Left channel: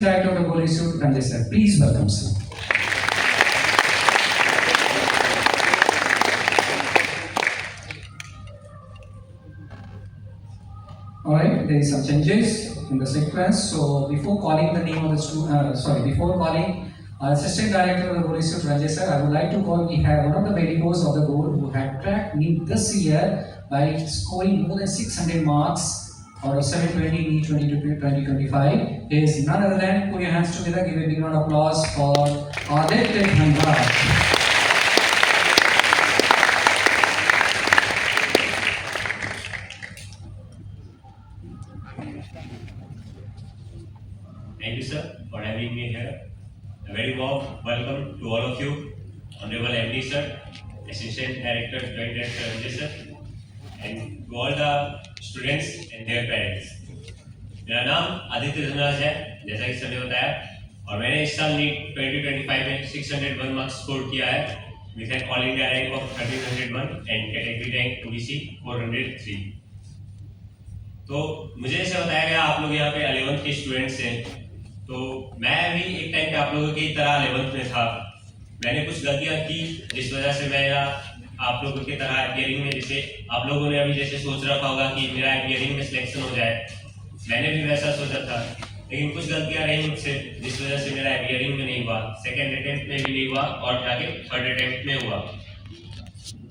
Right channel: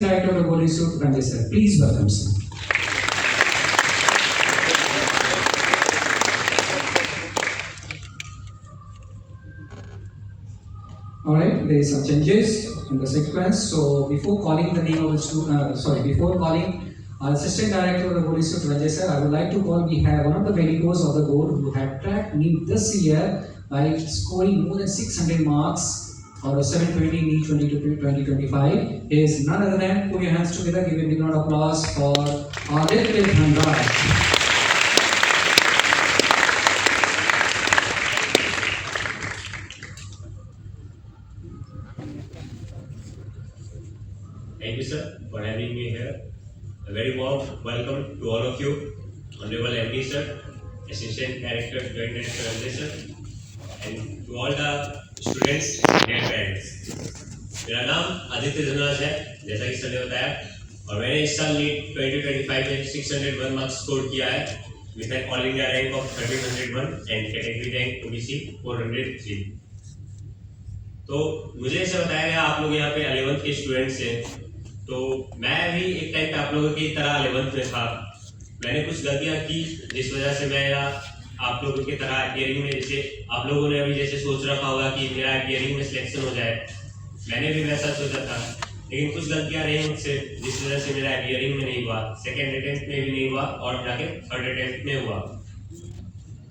Director of the Police Institute, Ranjay sir. Please welcome sir. Alright, there is some changes in the sequence. So before calling the name of the student, before calling Assistant Director of the Police Institute, Ranjay sir, I would like to call, we have one of the medicos of the board who had cracked NEET this year by scoring more than 600 marks or 720 NEET 2025 is none other than, put your hands together, give a big round of applause for Aditya Dhanraj. Thank you, sir, for having me here. A very warm welcome to all of you, Honorable MD, sir, Assistant Director, Joint Director, Ranjay, sir, and to all the students, their parents. मेरा नाम आदित्य धनराज है, जैसा कि sir ने बताया, और मैंने इस साल नीट 2025 में 601 मार्क्स स्कोर किया है with an all India rank of 1301 and category rank OBC 403. तो मुझे ऐसे बताया गया आप लोग यहाँ पे 11th के स्टूडेंट्स हैं, तो मैं भी एक टाइम पे आप लोगों की तरह 11th में था. मैंने कुछ गलतियाँ की जिस वजह से मेरा आप लोगों की तरह अपीयरिंग में, जैसे आप लोगों ने अभी जैसे सोच रखा होगा कि मेरा अपीयरिंग में सिलेक्शन हो जाए, मैंने भी वैसा सोचा था, लेकिन कुछ गलतियाँ रही मुझसे जिस वजह से मेरा अपीयरिंग में नहीं हुआ, सेकेंड अटेम्प्ट में भी नहीं हुआ और जाके थर्ड अटेम्प्ट में हुआ.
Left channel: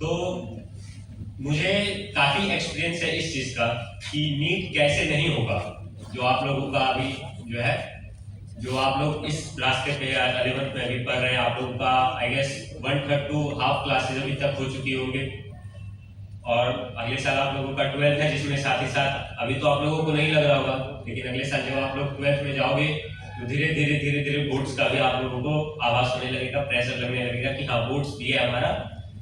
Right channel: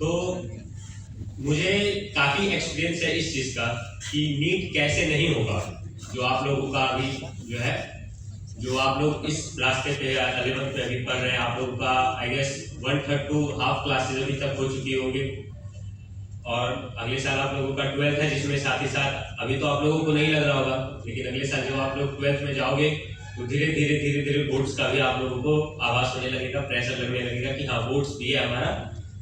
तो मुझे काफ़ी एक्सपीरियंस है इस चीज़ का कि नीट कैसे नहीं होगा. जो आप लोगों का अभी जो है, जो आप लोग इस रास्ते पे 11th में अभी पढ़ रहे हैं, आप लोगों का I guess 1/3 to half classes अभी तक हो चुकी होंगे, और अगले साल आप लोगों का 12th है, जिसमें साथ ही साथ अभी तो आप लोगों को नहीं लग रहा होगा, लेकिन अगले साल जब आप लोग 12th में जाओगे तो धीरे धीरे बोर्ड्स का भी आप लोगों को आभास होने लगेगा, प्रेशर लगने लगेगा कि हाँ बोर्ड्स भी है हमारा,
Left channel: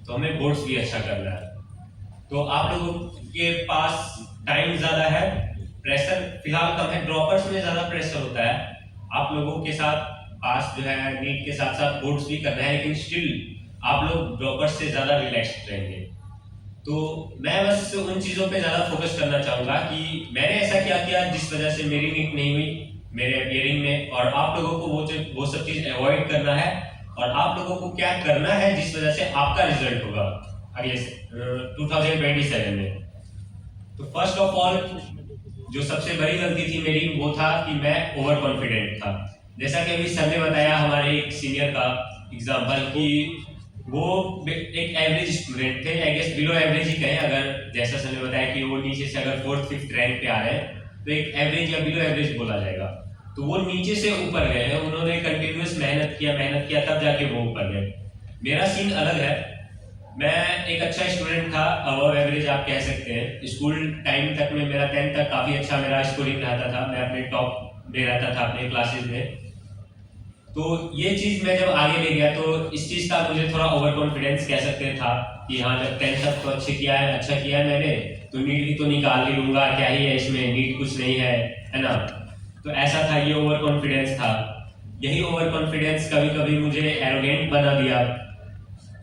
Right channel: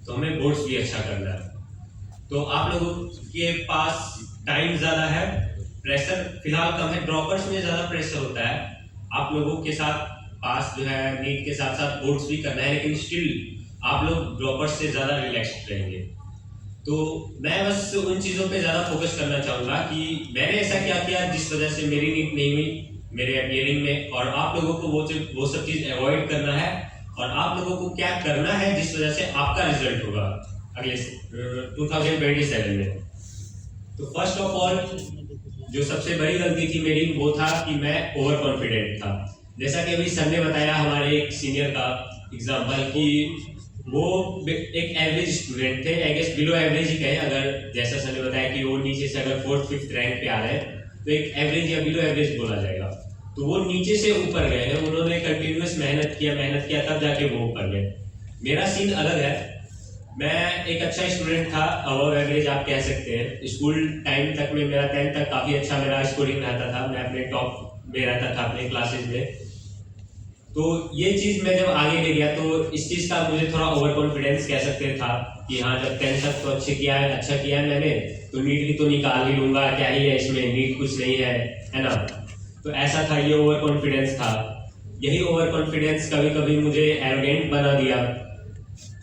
तो हमें बोर्ड्स भी अच्छा करना है. तो आप लोगों के पास टाइम ज़्यादा है, प्रेशर फिलहाल कम है, ड्रॉपर्स में ज़्यादा प्रेशर होता है. आप लोगों के साथ पास जो है नीट के साथ साथ बोर्ड्स भी करना है, लेकिन स्टिल आप लोग ड्रॉपर्स से ज़्यादा रिलैक्स्ड रहेंगे. तो मैं बस उन चीज़ों पे ज़्यादा फोकस करना चाहूँगा कि मैंने ऐसा क्या किया जिस वजह से मेरी नीट नहीं हुई मेरे अपीयरिंग में, और आप लोगों को वो सब चीज़ अवॉइड करना है, और आप लोगों को क्या करना है जिस वजह से आपका रिजल्ट होगा अगले 2027 में. तो फर्स्ट ऑफ ऑल जो सबसे बड़ी गलती थी मेरी वो था कि मैं ओवर कॉन्फिडेंट था. जैसा कि अभी सर ने बताया हमारे एक सीनियर का एग्जांपल कि वो एक एवरेज स्टूडेंट थे, आई गेस बिलो एवरेज ही कहें, अगर जैसा सर ने बताया कि वो नीचे से अगर 4th-5th रैंक पे आ रहे हैं तो एक एवरेज या बिलो एवरेज बोला जाएगा. तो वो नीचे से ऊपर गए हैं, उन्होंने कंटिन्यूस मेहनत किया तब जाके वो ऊपर गए. मेरा सीन अलग है, मैं एक अच्छा स्टूडेंट था, अबव एवरेज आप कह सकते हैं. स्कूल टाइम तक में मेरा 10th तक काफ़ी अच्छा मेरा स्कोरिंग रहता था, मैं अपने टॉप में रहता था अपने क्लासेज में. तो ये चीज़ मैं जब आगे ले गया तो इस चीज़ का मुझे थोड़ा ओवर कॉन्फिडेंस कह सकते था कि हाँ जब 10th तक तो अच्छा किया है मैंने, तो नीट भी तो निकाल ही लूँगा, क्या ही है इसमें, नीट कुछ नहीं है ना. तो ऐसा था, ये ओवर कॉन्फिडेंस था. यही ओवर कॉन्फिडेंस कभी कभी मुझे एरोगेंट बना दिया,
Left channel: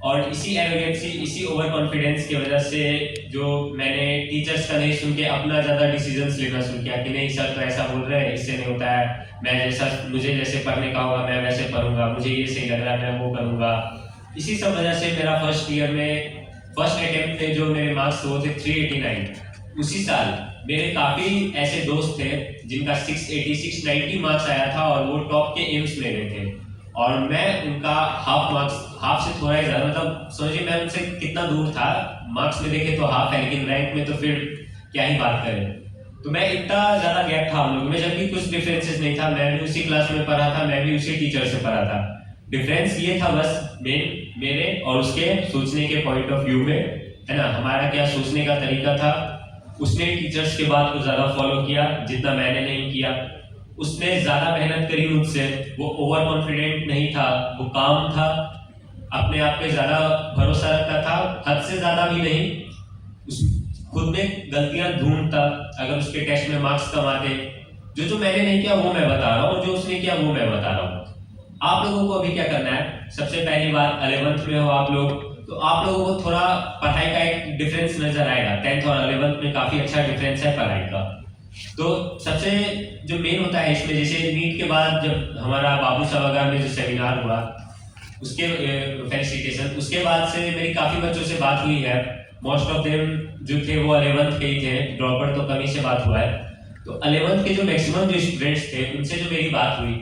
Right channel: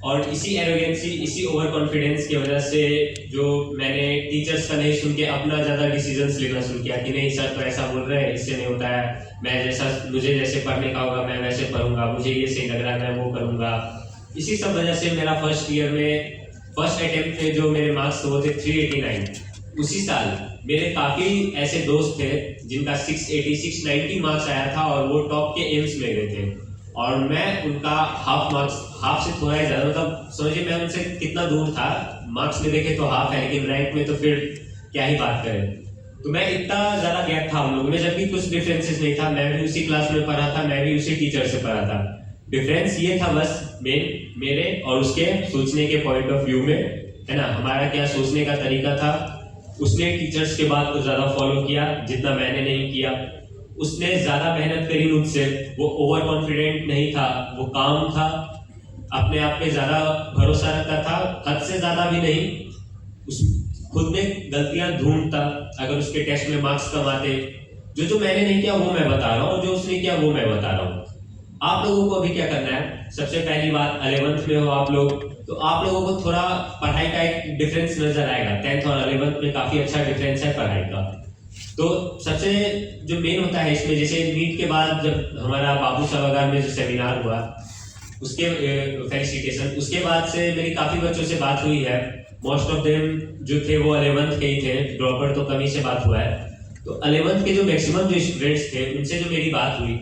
और इसी एरोगेंसी, इसी ओवर कॉन्फिडेंस की वजह से जो मैंने टीचर्स का नहीं सुन के अपना ज़्यादा डिसीजंस लेना शुरू किया कि नहीं सर तो ऐसा बोल रहे हैं, इससे नहीं होता है, मुझे जैसे पढ़ने का होगा मैं वैसे पढ़ूंगा, मुझे ये सही लग रहा है मैं वो करूँगा. इसी सब वजह से मेरा फर्स्ट ईयर में फर्स्ट अटेम्प्ट में जो मेरे मार्क्स वो थे 389. उसी साल मेरे काफ़ी ऐसे दोस्त थे जिनका 680 690 मार्क्स आया था और वो टॉप के एम्स में गए थे, और मैं उनका हाफ से थोड़ा ही ज़्यादा, मतलब समझिए मैं उनसे कितना दूर था. मार्क्स में देखे तो हाफ है, लेकिन रैंक में तो फिर क्या ही बात करें. तो मैं इतना ज़्यादा गैप था हम लोगों में, जबकि कुछ डिफरेंसेस नहीं था. मैं भी उसी क्लास में पढ़ा था, मैं भी उसी टीचर से पढ़ा था. डिफरेंस ये था बस मेरे और उसके सोचने के पॉइंट ऑफ व्यू में, है ना, हमारा क्या सोचने का तरीका था. उसने टीचर्स के बात को ज़्यादा फॉलो किया जितना मैंने नहीं किया. उसने ज़्यादा मेहनत करी मुझसे, वो ओवर कॉन्फिडेंट नहीं था, वो काम था, अपने आप पे ज़्यादा भरोसा रखता था, हद से ज़्यादा भी नहीं. उस खुद में गलतियां ढूंढता, अगर उसके टेस्ट में मार्क्स कम आते, जो मैंने नहीं किया वो मैं बता रहा हूँ, जो उसने किया वो मैं बता रहा हूँ. आप लोगों को अभी क्या करना है, सबसे पहली बात 11th में हो आप लोग, तो आप लोगों को थोड़ा पढ़ाई का एक डिफरेंस नजर आएगा. 10th और 11th में काफ़ी अच्छा डिफरेंस है पढ़ाई का. तो सबसे जो मेन होता है इसमें, जैसे नीट के बाद जब हमारा बाबू साहब में जो सेमिनार हुआ उसके फेलिसिटेशन, उसके बाद से मेरी काफ़ी बच्चों से बात हुई है। मोस्ट ऑफ देम जो थे वो 11th के ही थे, ड्रॉप आउट तो कमी से बात हुआ है। तो 11th के जो मैक्सिमम जो स्टूडेंट्स थे उनसे जो मेरी बात हुई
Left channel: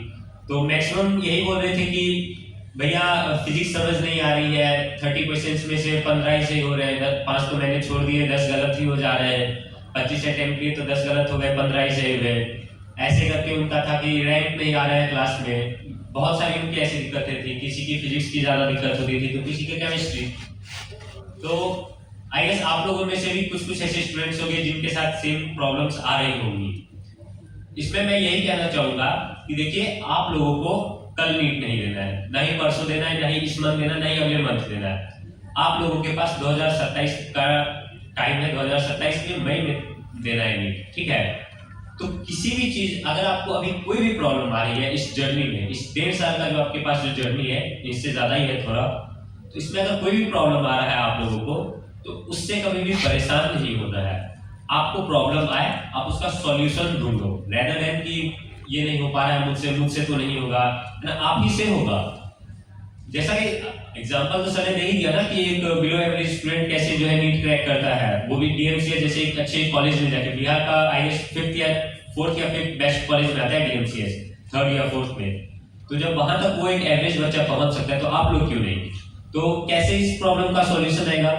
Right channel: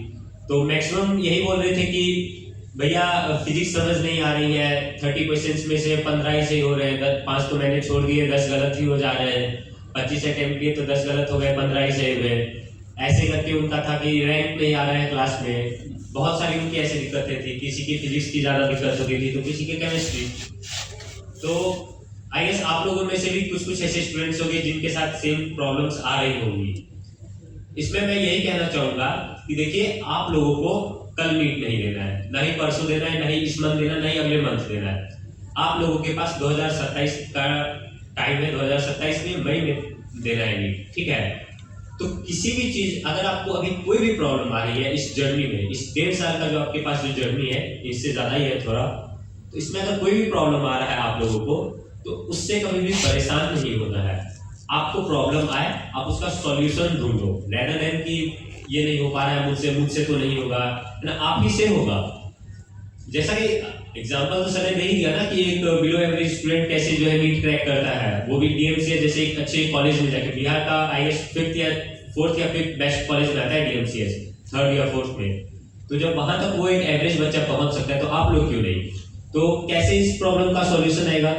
तो मैक्सिमम यही बोल रहे थे कि भैया फिजिक्स समझ नहीं आ रही है, 30 क्वेश्चंस में से 15 ही सही हो रहे हैं, 5 तो मैंने छोड़ दिए, 10 गलत ही हो जा रहे हैं, 25 अटेम्प्ट किए तो 10 गलत हो गए, 15 ही सही हुए। ऐसे करके उनका था कि रैंक नहीं आ रहा है क्लास में। बहुत सारी उनकी ऐसी दिक्कतें थी, किसी की फिजिक्स की ज़्यादा दिक्कत होती थी तो किसी की केमिस्ट्री। तो आई गेस आप लोगों में से भी कुछ ऐसे स्टूडेंट्स होंगे जिनके साथ सेम प्रॉब्लम्स आ रही होंगी। इसमें मैं यही कहना चाहूँगा कि देखिए, आप लोगों को कल नीट नहीं देना है, ना ही परसों देना है, ना ही इस मंथ देना है, ना ही अगले मंथ देना है। आप लोगों के पास 2027 का टाइम है, 2027 में मई में देना है नीट, ठीक है। तो किसी भी चीज, अगर आपको अभी कोई भी प्रॉब्लम आ रही है इस जर्नी में, इस 1.5 साल का जो आपके पास जो जर्नी है, इससे ज्यादा ही है थोड़ा, तो इसमें अगर कोई भी प्रॉब्लम आ रहा है आप लोगों को, तो उससे कभी भी परेशान नहीं होना है। आपको प्रॉब्लम आए, आप उसका सॉल्यूशन ढूंढो, रेदर देन कि ये नहीं हो पा रहा है मुझसे तो नहीं होगा, है ना, आप ही से होगा। जैसा कि एग्जांपल तो सर ने नहीं दिया ना कि एक बिलो एवरेज स्टूडेंट कैसे जो है नीट क्रैक करता है, वो भी डीएमसीएस जैसे एक अच्छे कॉलेज में जाके। बिहार का आईएएस 5th या 4th या 5th बेस्ट कॉलेज में आता है डीएमसीएस, 3rd या 4th में। तो जब वहां तक वो एक एवरेज बच्चा पहुंच सकता है, तो आप लोग क्यों नहीं? तो कैसे इस प्रॉब्लम का सॉल्यूशन आएगा?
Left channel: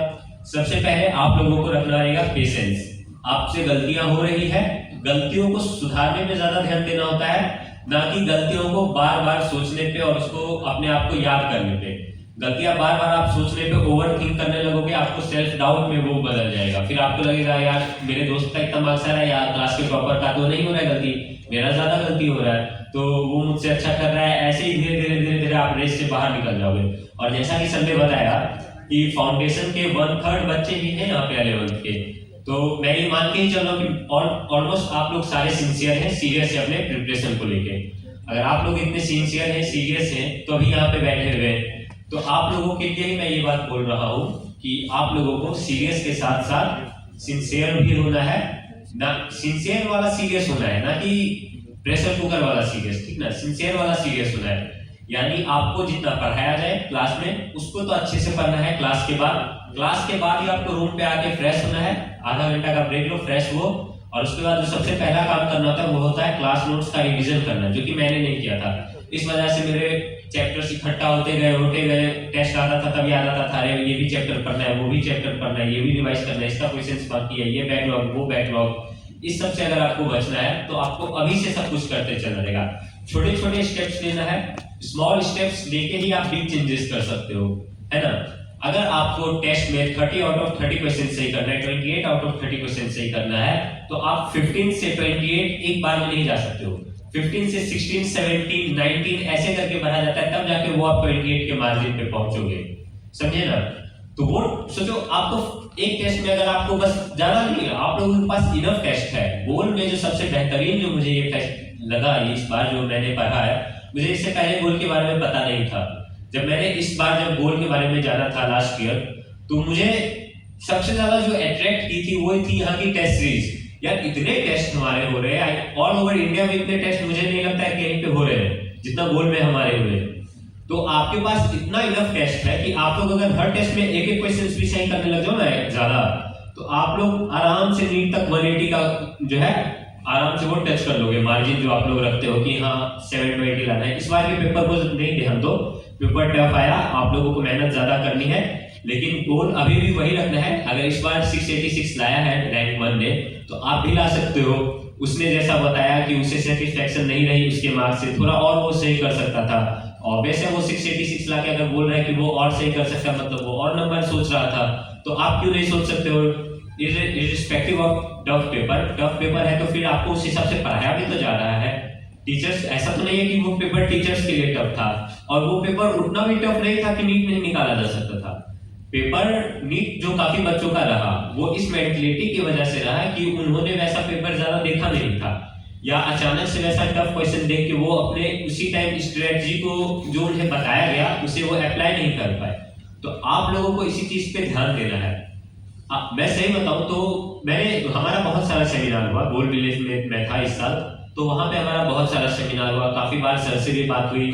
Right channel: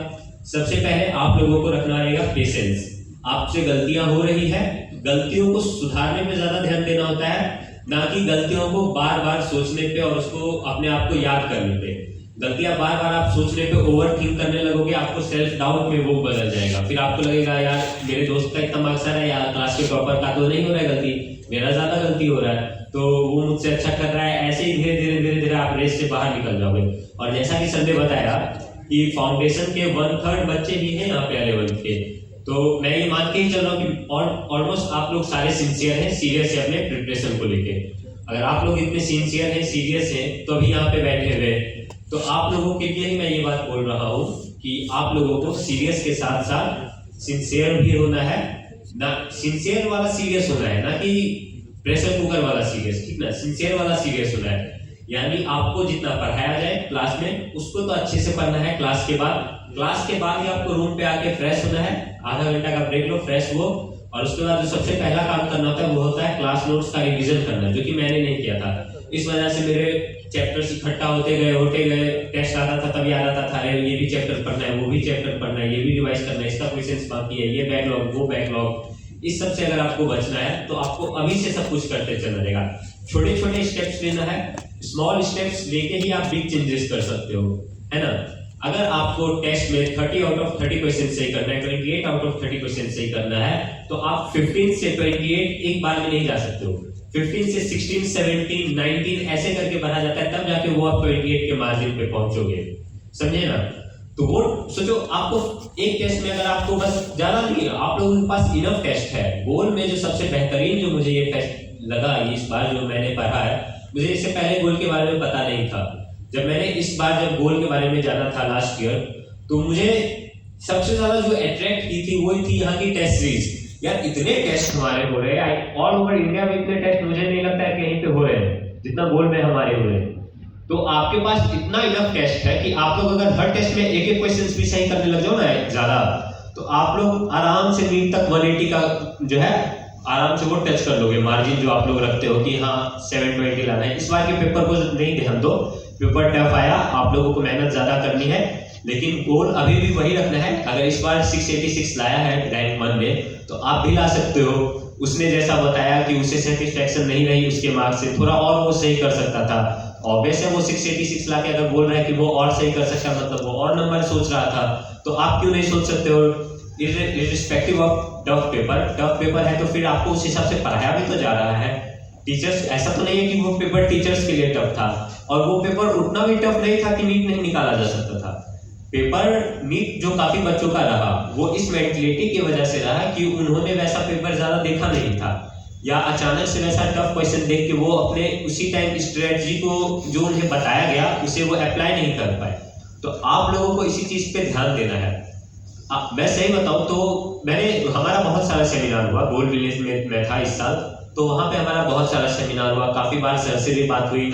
सबसे पहले आप लोगों को रखना रहेगा पेशेंस। आपसे गलतियां हो रही है, गलतियों को सुधारने में ज्यादा ध्यान देना होता है, ना कि गलतियों को बार बार सोचने पे और उसको अपने आप को याद करने पे। गलतियां बार बार आप सोचने पे ओवर थिंक करने लगोगे, आपको सेल्फ डाउट में वो बदल जाएगा। फिर आपको लगेगा यार मेरे दोस्त का इतना मार्क्स आ रहा है, यार क्लास के टॉपर का तो नहीं हो रहा है गलती, मेरा ज्यादा गलती हो रहा है, तो वो मुझसे अच्छा कर रहा है। ऐसे ही धीरे धीरे आप रेस से बाहर निकल जाओगे। और जैसा कि संजय बताया कि फाउंडेशन के 1/3 बच्चे ही हैं यहाँ पे 11th के, तो मैं ये मान के ही चल रहा हूँ कि ऑलमोस्ट आप लोग सारे सिंसियर हैं, सीरियस है अपने प्रिपरेशन को लेके। अगर आप लोग इतने सिंसियर हैं, सीरियस हैं, तो अभी यहाँ पे बैठे हुए, तो आप लोगों के लिए ही मैं ये बात बोल रहा हूँ कि आप लोगों को सीरियस के साथ साथ सिंसियर भी होना है। ना सिंसियर वाला सीरियस होना है, ना कि प्रेशर कुकर वाला सीरियस, ठीक ना, सिंसियर वाला सीरियस होना है। यानी आपको जितना पढ़ाया जाए क्लास में उसको तो अच्छे से पढ़ना है। क्लास के बाद ही आपको रूम पे आके फ्रेश होना है, आधा घंटा का ब्रेक लो, फ्रेश हो, और उसके बाद जो सबसे पहला काम करना होता है वो होता है क्लास नोट्स का रिवीजन करना, जो कि मैंने नहीं किया था। इस वजह से मेरे चैप्टर्स इकट्ठा होते गए, टेस्ट आता था तब याद आता था, अरे ये भी चैप्टर पढ़ना है, वो भी चैप्टर पढ़ना है, ये भी रिवाइज करना है, इसका क्वेश्चंस बाकी है, ये बैकलॉग, वो बैकलॉग। इस सब से अगर आपको बचना है तो आपको अभी से सब कुछ करते चलना रहेगा। छोटे छोटे स्टेप्स लेना है, स्मॉल स्टेप्स लेके ही आप बिग चेंजेस कर सकते हो, है ना। अगर आपको टेस्ट में 30 आउट ऑफ 30 क्वेश्चन सही करना है, 28 आउट ऑफ 30 क्वेश्चन सही करना है, तो आप 15 से 28 एक बार में नहीं जा सकते हो। 15 से 16, 17, 19 ऐसे करके बढ़ा जाता है, तब जाके वो आप 28 के मार्जिन पे पहुंचोगे, समझे ना। तो वो सोचो, आपको एक टेस्ट में अगर आपको बस ज्यादा नहीं, आप लोगों के पास इनफ टेस्ट है। गोल में जो सबसे बेहतरीन जो मुझे ये टेस्ट लगा इस बार जो मैंने पढ़ा है, मुझे इससे पहले गोल के बारे में पता नहीं था। जब मैंने इस बार जब गोल के बारे में जाना था लास्ट ईयर, तो मुझे सबसे ज्यादा जो अट्रैक्ट की थी वो थी यहाँ की टेस्ट सीरीज। यार इतने टेस्ट हमारे हो रहे हैं ऑल ओवर इंडिया में, इतने टेस्ट मुझे नहीं लगता है कहीं पे हो रहे हैं जितना गोल में हमारे हो रहे हैं। तो आपके पास इतना इनफ टेस्ट है कि आप लोग अगर हर टेस्ट में एक एक क्वेश्चन भी सही करने लग जाओ ना ज्यादा, तो आप लोग आराम से नीट तक 180 का जो है आराम से वो टच कर लोगे मार्जिन जो आप लोग रखते हो कि हाँ 720 लाना है। इस बार के पेपर को नहीं ध्यान दो, पेपर टफ आया, आप लोगों को मेहनत ज्यादा करनी है, लेकिन गोल अभी भी वही रखना है। अगर इस बार 686 लाया है रैंक 1 ने, तो आप भी ला सकते हो। उसने जैसा बताया कि उसे सेटिस्फैक्शन नहीं रही उसके मार्क्स से, थोड़ा और वो सही कर सकता था। ऑब्वियस है वो 686 लाके अगर बोल रहा है कि वो और सही कर सकता, मतलब वो और नंबर सोच रहा था, तो आप क्यों नहीं सोच सकते हो? इर्रिस्पेक्टिव ऑफ टफ पेपर है तो फिर आपको उस हिसाब से पढ़ाया भी तो जा रहा है। टीचर्स, ऐसा तो नहीं है कि वो पेपर टीचर्स के लिए टफ था, और वो पेपर उतना भी टफ नहीं था कि नीट नहीं निकाला जा सकता था। पेपर नीट जो काफी बच्चों का रहा, वो इस मेंटलिटी की वजह से रहा कि उन्होंने वैसा पेपर ज्यादा देखा नहीं था, या अचानक से वैसा टफ क्वेश्चन देख के वो अपने उसी टाइम स्ट्रेटजी को जो उन्हें बताया गया उसे वो अप्लाई नहीं कर पाए। तो आप लोगों को इसी चीज पे ध्यान देना है। मैं सही बताऊं तो मैंने हमारा बहुत सारा सेमिनार हुआ, गोल्ड विलेज में मैं था इस साल, तो वहाँ पे हमारा बहुत सारा सेमिनार हुआ, काफ़ी बार सर से भी बात हुई,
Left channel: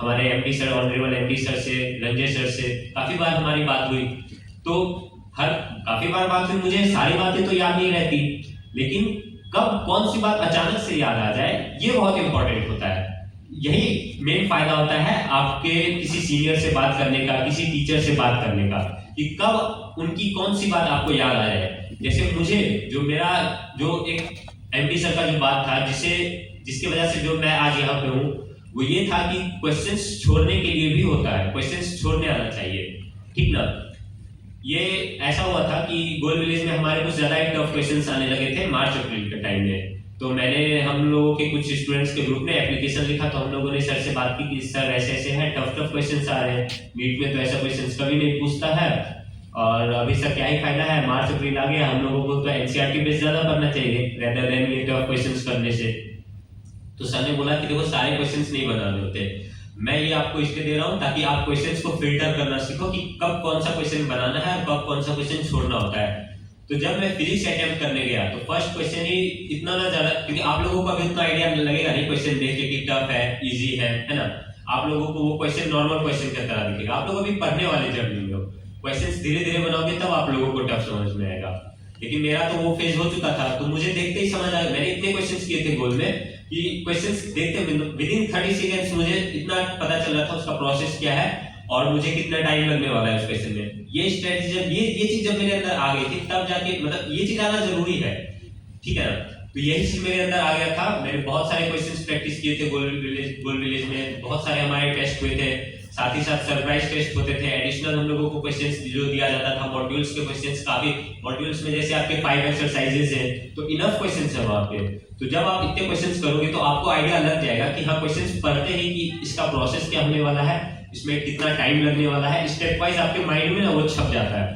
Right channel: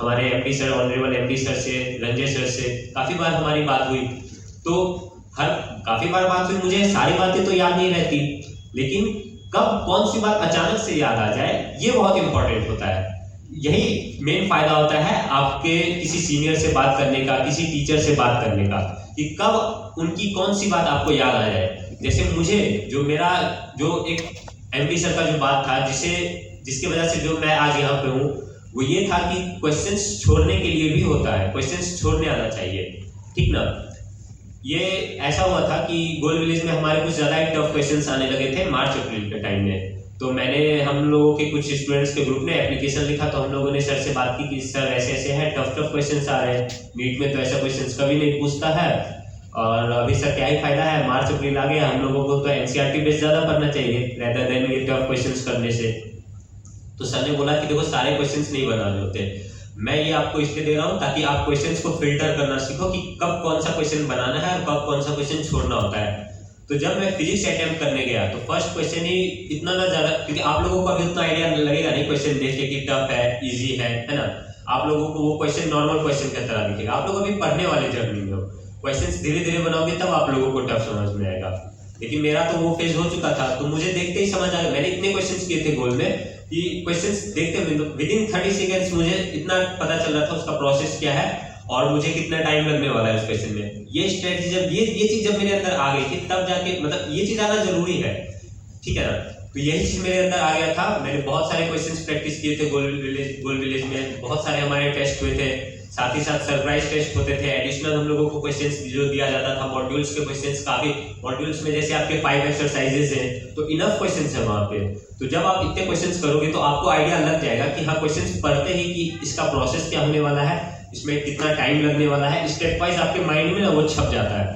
हमारे MD sir, honourable MD sir से, रंजय सर से काफ़ी बार हमारी बात हुई। तो काफ़ी बार बात हुई, मुझे सारी बातें तो याद नहीं रहती, लेकिन कब कौन सी बात अचानक से याद आ जाए ये बहुत इंपॉर्टेंट होता है। यही मेन फायदा होता है आपके किसी सीनियर से बात करने का, किसी टीचर से बात करने का, कि कब उनकी कौन सी बात आपको याद आ जाए। जैसे मुझे जो एक एमडी सर का जो बात था, जिसकी वजह से जो मैं आज यहाँ पे हूँ, वो ये था कि क्वेश्चंस छोड़ने के लिए भी होता है, क्वेश्चंस छोड़ने आना चाहिए, ठीक ना। ये ऐसा हुआ था कि गोल्ड विलेज में हमारे कुछ ज़्यादा टफ क्वेश्चंस आने लगे थे मार्च अप्रैल के टाइम में। तो हम लोगों के कुछ स्टूडेंट्स के ग्रुप ने एप्लीकेशन लिखा, तो हम लोगों ने सर से बात की कि सर ऐसे ऐसे है, टफ क्वेश्चंस आ रहे हैं, नीट में तो ऐसा क्वेश्चंस कभी नहीं पूछता है, और अभी सर क्या ही फायदा है, मार्च अप्रैल आ गया, हम लोगों को तो एनसीईआरटी बेस ज़्यादा पढ़ना चाहिए रेदर देन ये टफ क्वेश्चंस करने से। तो सर ने बोला कि देखो सारे क्वेश्चंस नहीं बनाने होते, मैं ये आपको इसलिए दे रहा हूँ ताकि आप क्वेश्चंस को फिल्टर करना सीखो कि कब कौन सा क्वेश्चन बनाना है और कब कौन सा क्वेश्चन छोड़ना होता है। तो जब मैं फिजिक्स अटेम्प्ट करने गया तो फर्स्ट क्वेश्चन ही इतना ना ज़्यादा, क्योंकि आप लोगों को अभी उतना आइडिया लगेगा नहीं क्वेश्चन देख के कि टफ है इजी है ना। आप लोगों को वो क्वेश्चन नॉर्मल क्वेश्चन की तरह दिखेगा, आप लोग अभी पढ़ने वाले जर्नी में हो, क्वेश्चन धीरे धीरे बनाओगे तब आप लोगों को टफ समझ में आएगा। लेकिन मेरा तो वो फेज हो चुका था, तो मुझे देखते ही समझ आ गया। मैंने इतने क्वेश्चंस किए थे गोल में कि क्वेश्चंस देखते विदिन 30 सेकेंड्स मुझे इतना पता चल रहा था उसका प्रोसेस क्या है और मुझे कितना टाइम लगने वाला है उस क्वेश्चन में। ये स्ट्रेटजी जब ये चीज जब मेरे अंदर आ गई थी, तब जाके मतलब ये चीज आना जरूरी है, ठीक है ना। तो यही चीज मेरे अंदर आ गया था। मैंने बहुत सारे क्वेश्चंस प्रैक्टिस किए थे गोल्ड विलेज में, बहुत सारे हमारे टेस्ट हुए थे, साथ ही साथ सरप्राइज टेस्ट होते थे, एडिशनल हम लोगों को क्वेश्चंस जो दिया जाता था, मॉड्यूल्स के क्वेश्चंस, काफी मॉड्यूल्स में जैसे आपके 5 एक्सरसाइजेस हैं तो इनफ क्वेश्चंस है वहां पे। तो जब आप इतने क्वेश्चंस करोगे तो आपको आइडिया लग जाएगा कि हाँ क्वेश्चंस पढ़ते ही कि इसका प्रोसेस क्या होने वाला है, इसमें कितना टाइम लगने वाला है, स्टेप वाइज आपके माइंड में ना वो छप जाता है।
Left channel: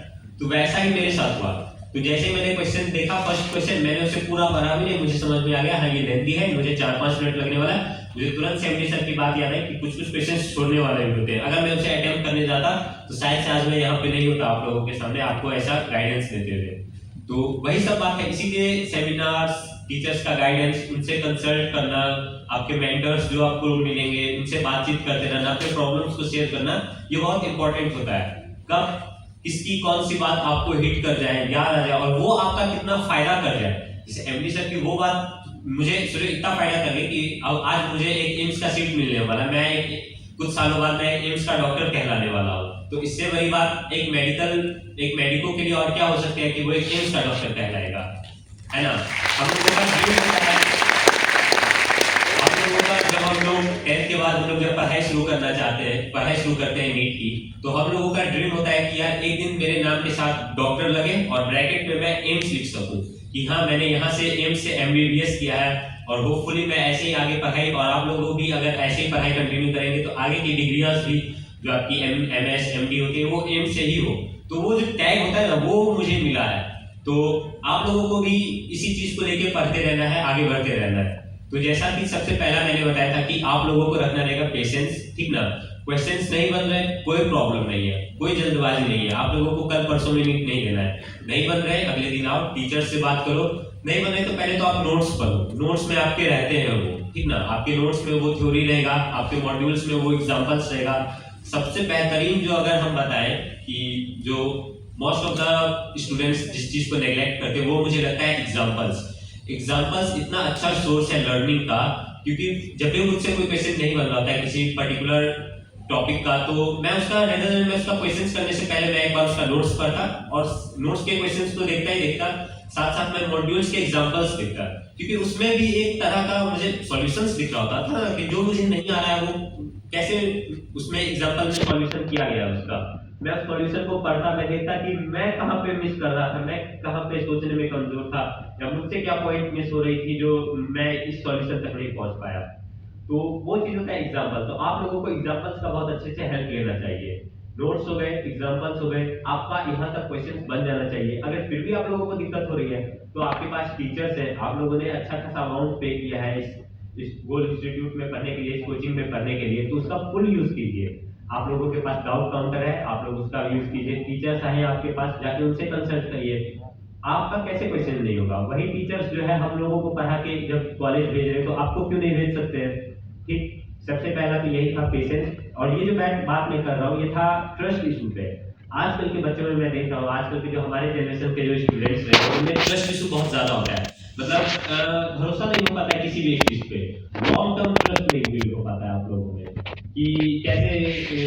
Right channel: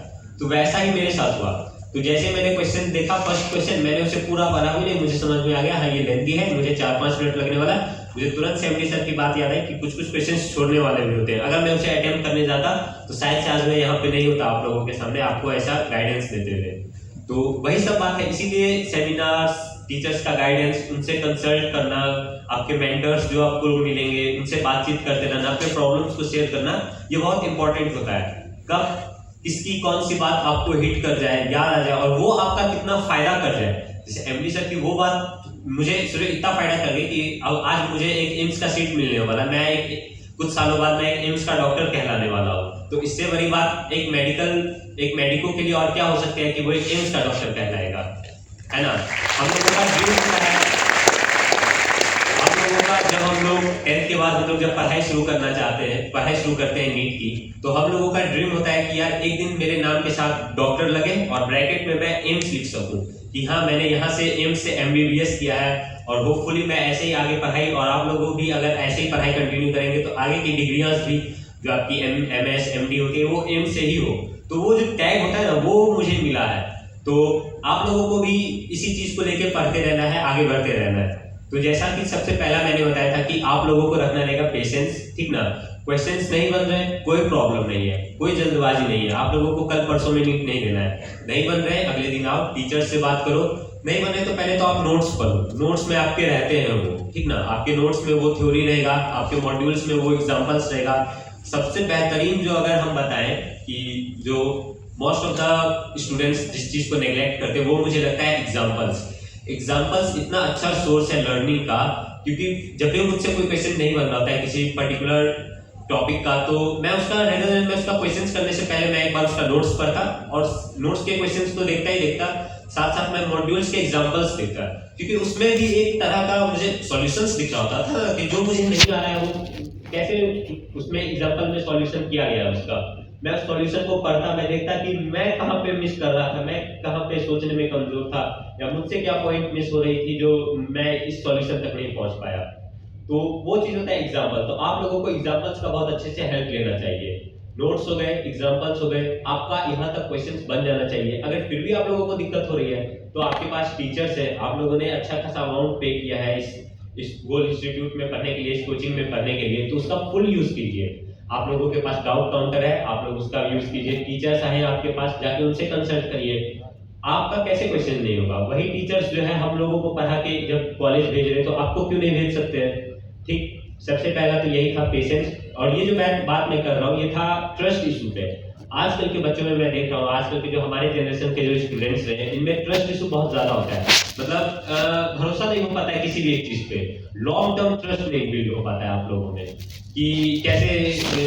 तो वैसा ही मेरे साथ हुआ। तो जैसे मैंने क्वेश्चन देखा, फर्स्ट क्वेश्चन मैंने उसे पूरा पढ़ा भी नहीं, मुझे समझ में आ गया हाँ ये लेंथी है, मुझे 4-5 मिनट लगने वाला है। मुझे तुरंत से एमडी सर की बात याद है कि कुछ क्वेश्चंस छोड़ने वाले भी होते हैं, अगर मैं उसे अटेम्प्ट करने जाता तो शायद से आज मैं यहाँ पे नहीं होता आप लोगों के सामने आपको ऐसा गाइडेंस देते हुए। तो वही सब बात है, इसीलिए सेमिनार्स, टीचर्स का गाइडेंस, उनसे कंसल्ट करना, आपके मेंटर्स जो आपको मिलेंगे उनसे बातचीत करते रहना, अपने प्रॉब्लम्स को शेयर करना, ये बहुत इंपॉर्टेंट होता है। कब किसकी कौन सी बात आपको हिट कर जाए, याद आ जाए और वो आपका कितना फायदा कर जाए। जैसे एमडी सर की वो बात मुझे सिर्फ इतना फायदा कर गई कि अब आज मुझे एक एम्स का सीट मिलने वाला, मैं कुछ सालों बाद मैं एम्स का डॉक्टर कहलाने वाला हूँ। तो इससे बड़ी बात एक मेडिको के लिए और क्या हो सकता है कि वो एक एम्स का डॉक्टर कहलाएगा, है ना। हम लोगों का ड्रीम है, जब हम लोग 10th के बाद हम लोग जब पढ़ाई शुरू करना चाहते हैं, पढ़ाई शुरू करते हैं नीट की, तो हम लोगों का ड्रीम होता है कि यार एक दिन मेरे नाम के साथ डॉक्टर लगे और ब्रैकेट में मैं एम्स लिख सकूं कि हाँ मैंने यहाँ से एम्स से एमबीबीएस किया है, और होपफुली मैं ऐसे ही आगे पढ़ाई, और आप लोगों भी अगर ऐसे ही पढ़ाई कंटिन्यू करेंगे तो आगे की डिग्रियां भी जो आपकी एमएस एमडी होती है वो एम्स से ही हो। तो वो जो टैग होता है ना वो मुझे मिला है। तो आप लोगों को भी इसी चीज को लेकर पढ़ते रहना है, आगे बढ़ते रहना है। तो जैसा कि सबसे पहला मैंने बताया था कि आप लोगों को रखना रहेगा पेशेंस, ठीक ना। क्वेश्चंस नहीं बन रहे कोई प्रॉब्लम नहीं है, कोई जल्दबाजी नहीं है, आप लोगों को कल परसों में नीट नहीं देना है। नहीं बन रहे अगले दिन आओ टीचर से बात करो, नहीं बने तो पहले तो आप नोट्स पढ़ो, नोट्स में आपके रहते हैं वो, ठीक ना। आपके नोट्स में वो थ्योरी रहेगा, आपके मॉड्यूल्स में वो एग्जांपल्स रहेगा। सबसे बेहतरीन जो अगर हम बताएं कि जो मोस्ट ऑफ द स्टूडेंट्स जिस चीज को नेग्लेक्ट करते हैं वो मुझे लगता है एग्जांपल्स इतना अच्छा सोर्स है लर्निंग का, क्योंकि जब भी मुझसे कोई क्वेश्चन नहीं बन पाता है किसी पर्टिकुलर टॉपिक का, तो मैं उसका क्वेश्चंस करने से पहले मैं एक बार उसका नोट्स पढ़ता और नोट्स के क्वेश्चंस को देखता ही देखता साथ साथ मैं मॉड्यूल्स के एग्जांपल्स देखता, क्योंकि उसमें भी एक तरह का मुझे सॉल्यूशंस दिख रहा होता था कि जो मुझे नहीं आ रहा है वो कैसे उसमें एग्जांपल में सॉल्यूशन किया गया उसका। मैं उस सॉल्यूशन को पढ़ता, मैं देखता कि मैं कहाँ पे मिस कर रहा था, मैं कहाँ पे सोचने में कमजोर था, या मुझसे क्या पॉइंट मिस हो रही थी जो मैं इस सॉल्यूशन तक नहीं पहुंच पाया। तो वो चीज होता है एग्जांपल। तो आप लोगों को एग्जांपल्स का बहुत अच्छे से हेल्प लेना चाहिए। नोट्स हो गए, एग्जांपल्स हो गए, आपका यहाँ तक क्वेश्चंस बन जाना चाहिए। अगर फिर भी आप लोगों को दिक्कत हो रही है तो आपके पास टीचर्स हैं, आप लोगों ने अच्छा खासा अमाउंट पे किया है इस गोल्ड इंस्टीट्यूट में पढ़ने के लिए, इस कोचिंग में पढ़ने के लिए, तो उसका फुल यूज कीजिए। आप लोगों के पास डाउट काउंटर है, आप लोग उसका यूज कीजिए। टीचर्स आए आपके पास, जाके उनसे कंसल्ट करिए, आपका कैसे क्वेश्चन नहीं होगा? वही टीचर्स जो है हम लोगों को पढ़ा के जब कॉलेज भेज रहे हैं तो आपको क्यों नहीं भेज सकते हैं? ठीक, सबसे पहला तो यही था पेशेंस। और ये जो मैं बात मैं कर रहा हूँ ये था ट्रस्ट इशू पे। आजकल के बच्चों में मैं देख रहा हूँ, आजकल के जो हमारे जनरेशन के जो स्टूडेंट्स हैं उनमें ट्रस्ट इशू बहुत ज्यादा होता है। मतलब भरोसा नहीं हो पाता है किसी भी एक चीज पे, लॉन्ग टर्म ट्रस्ट नहीं बिल्ड हो पाता है आप लोगों में कि कैसे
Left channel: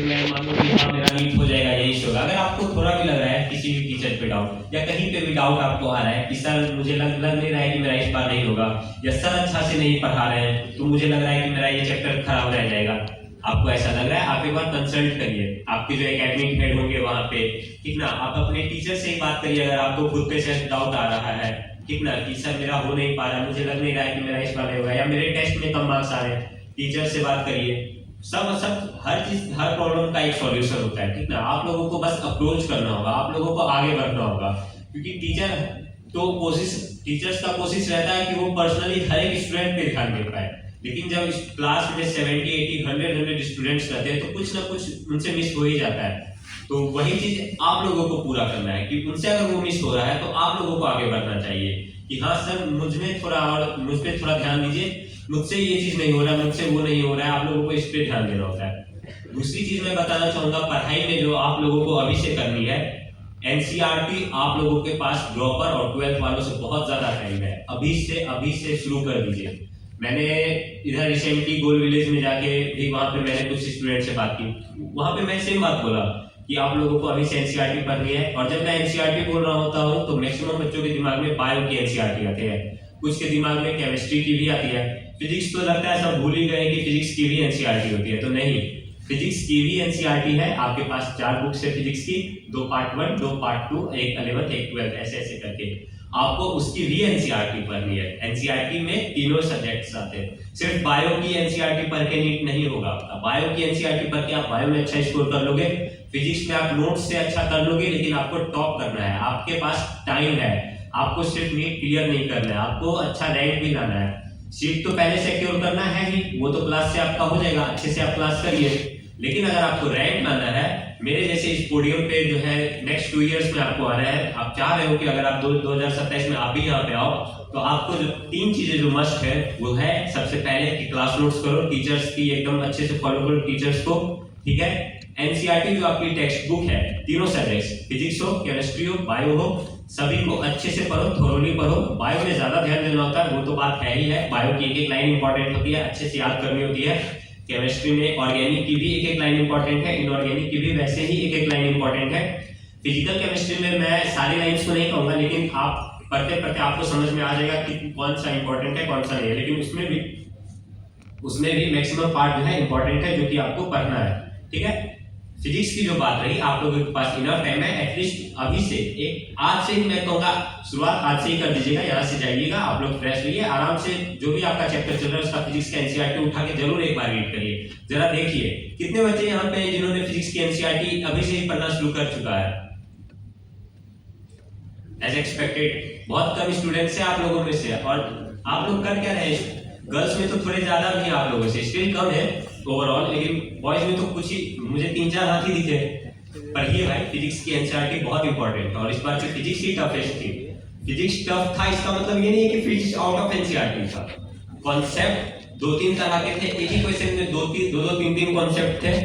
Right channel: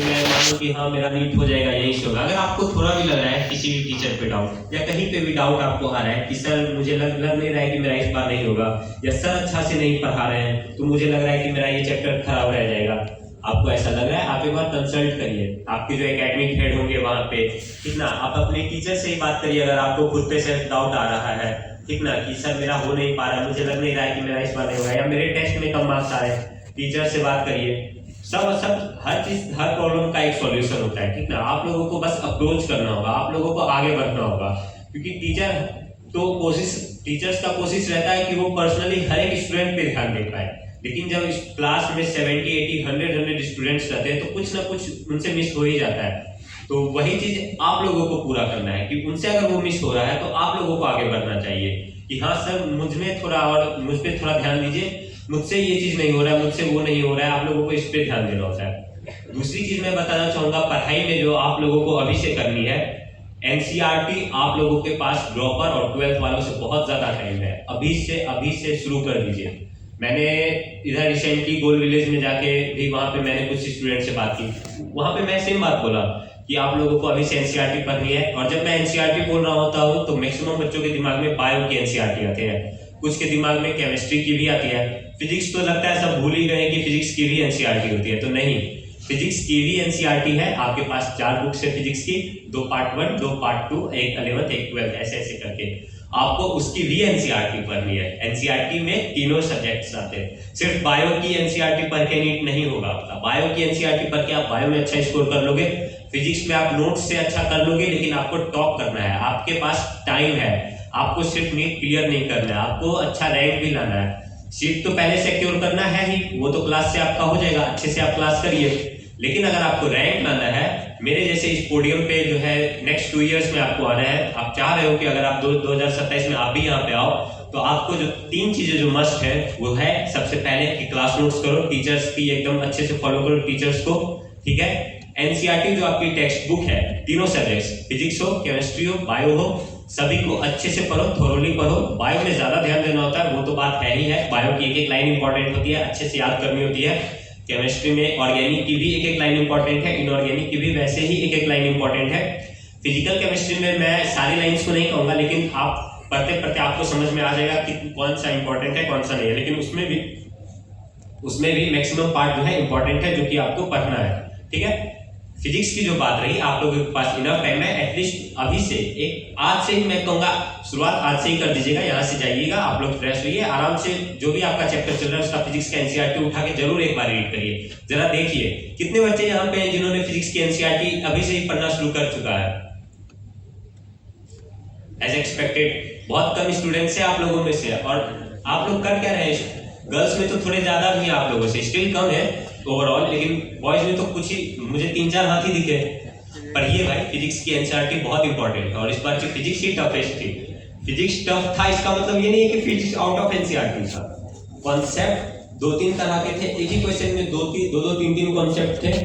मैं मानूं कि हाँ मेरा मीट हो जाएगा, यही से होगा। अगर आपको थोड़ा भी लग रहा है किसी भी टीचर पे डाउट या कहीं पे भी डाउट आपको आ रहा है कि सर मुझे लग नहीं रहा है कि मेरा इस बार नहीं होगा, या सर अच्छा से नहीं पढ़ा रहे हैं तो मुझे लग रहा है कि मेरा ये चैप्टर खराब रह जाएगा, आपको ऐसा लग रहा है, आप एक बार कंसल्ट करिए आपके जो एकेडमिक हेड होंगे वहाँ पे, ठीक ना। आप अपने टीचर से ही बात करिए अगर आपको खुद पे से डाउट आ रहा है, ठीक ना, कि सर मेरा हो नहीं पा रहा, मुझे लग नहीं रहा है कि मेरा इस बार नहीं होगा, या मेरे टेस्ट में कम मार्क्स आ रहे हैं, टीचर से बात करिए। सब हर चीज, हर प्रॉब्लम का एक सॉल्यूशन होता है, ठीक ना। आप लोगों को बस अप्रोच करना होगा, आप लोगों को आगे बढ़ना होगा, क्योंकि टीचर्स का कोशिश रहता है कि वो पर्सनली हर एक स्टूडेंट पे ध्यान दे पाए, लेकिन जब इस क्लास में 70, 80, 100 स्टूडेंट्स रहते हैं तो कुछ ना कुछ उनसे मिस हो ही जाता है। तो वही चीज आप लोगों को पूरा करना है कि उनसे अगर वो मिस हो रहा है तो आप लोगों को आगे बढ़ना चाहिए कि हाँ सर मुझ पे थोड़ा ध्यान दीजिए, मुझसे ये चीज नहीं हो रहा है, मुझसे वो नहीं हो रहा है, आप लोगों को इस पे ध्यान देना होता है। दूसरी चीज मैं बताना चाहूंगा, पढ़ाई में जो आप लोगों को अभी से करनी है, एनसीईआरटी आप लोगों के पास ड्रॉपर और 12th वालों से बहुत ज्यादा टाइम है, अभी से शुरू कर दीजिए। मैंने इधर रिसेंटली गोल विलेज में जाके भी वहाँ पे मैंने कुछ स्टूडेंट से बात की, वहाँ पे मैं सेम बात बोला कि आप लोगों को अभी से एनसीईआरटी पढ़नी है। और जब मैं एनसीईआरटी बोल रहा होता हूँ तो मैक्सिमम बच्चों के दिमाग में बायो की एनसीईआरटी आते हैं, कुछ के दिमाग में केमिस्ट्री की भी आती है, फिजिक्स तो लगता है सब भूल ही गए कि फिजिक्स की भी एनसीईआरटी होती है, तो नहीं, फिजिक्स की भी एनसीईआरटी है। आपके पास 4 बुक्स है फिजिक्स की, 2 पार्ट 1, 2 पार्ट 2, एक 11th एक 12th, ऐसे करके आपको उसकी भी एनसीईआरटी पढ़नी है। एनसीईआरटी में तीनों सब्जेक्ट्स आते हैं, सिर्फ बायो की एनसीईआरटी पढ़ के नीट नहीं होगा आपका। बायो की एनसीईआरटी पढ़ के आप बायो में अच्छा स्कोर कर लोगे, फिजिक्स में आप नोट्स से अच्छा कर लोगे, लेकिन आपको टॉप करना है, आपके पास टाइम है, आपको सिर्फ नीट क्लियर नहीं करना है, आपको अच्छा रैंक भी लाना है। सीट तो पहले सिक्योर करना है ही, वो तो क्लास से आपका हो जाएगा, अच्छे से आप क्लास करिए, लेकिन अगर आपको रैंक लाना है, मेरे जैसे इस पोडियम पे जो है नेक्स्ट 2 इयर्स में आपको आना है, आप चाह रहे हो कि अगर आप 2027 में आप भी यहाँ पे आओ, तो आपको जो 3 चीजें जो मस्ट है वो है, सबसे पहले कि क्लास नोट्स करो, टीचर्स की एकदम अच्छे से फॉलो करो टीचर्स को, ठीक है। एनसीईआरटी जो आपकी टेक्स्ट बुक है, तीनों सब्जेक्ट्स, फिजिक्स हो, केमिस्ट्री हो, बायो हो, सभी को अच्छे से पढ़ो, थोरोली पढ़ो। बायो में ज्यादा ध्यान देना होता है, वो तो बात है ही है, बायो की एक लाइन इंपॉर्टेंट होती है, अच्छे से याद करनी होती है। केमिस्ट्री में ऑर्गेनिक की भी एक लाइन इंपॉर्टेंट है, इनऑर्गेनिक की भी वैसे ही एक लाइन इंपॉर्टेंट है। फिजिकल केमिस्ट्री में मैं सारी लाइंस को नहीं कहूंगा, लेकिन आप पढ़ते पढ़ते आपको समझ में आ जाएगा कि कौन सा इंपॉर्टेंट है कौन सा नहीं है, लेकिन उसमें भी मैक्सिमम पार्ट जो है इंपॉर्टेंट है जो कि आपको पढ़ना है, ठीक है। फिजिक्स की जो बात रही, आप लोगों के पास इनफ टाइम है, एटलीस्ट अभी से आज से ही मैं कहूंगा शुरुआत आज से ही कर दीजिएगा, यहाँ से जाइएगा, आप लोग फ्रेश रहिए, आराम से जो भी आपका चैप्टर चल रहा है उसका फिजिक्स का एनसीईआरटी उठा के जरूर एक बार रीड करिए, जरा देखिए कितने बच्चे यहाँ पे हैं जिन्होंने फिजिक्स की एनसीईआरटी अभी से ही पढ़ना शुरू कर चुका है। एज एक्सपेक्टेड बहुत कम स्टूडेंट्स है आप लोगों में से, और आप लोग कर क्या रहे हैं, गर्ल्स में तो थोड़े ज्यादा भी आप लोगों से, स्टिल कम है ओवरऑल, लेकिन बॉयज में तो कुछ ही, मुझे 3-4 हाथ ही दिखे। पढ़िए भाई, फिजिक्स की एनसीईआरटी बहुत इंपॉर्टेंट है, और इस बार की फिजिक्स ही टफेस्ट थी। फिजिक्स टफ था इसका मतलब ये नहीं है कि फिजिक्स आउट ऑफ एनसीईआरटी था, कॉन्सेप्ट 2-3 तरह के थे, एक ही क्वेश्चन में 2-3 कॉन्सेप्ट थे,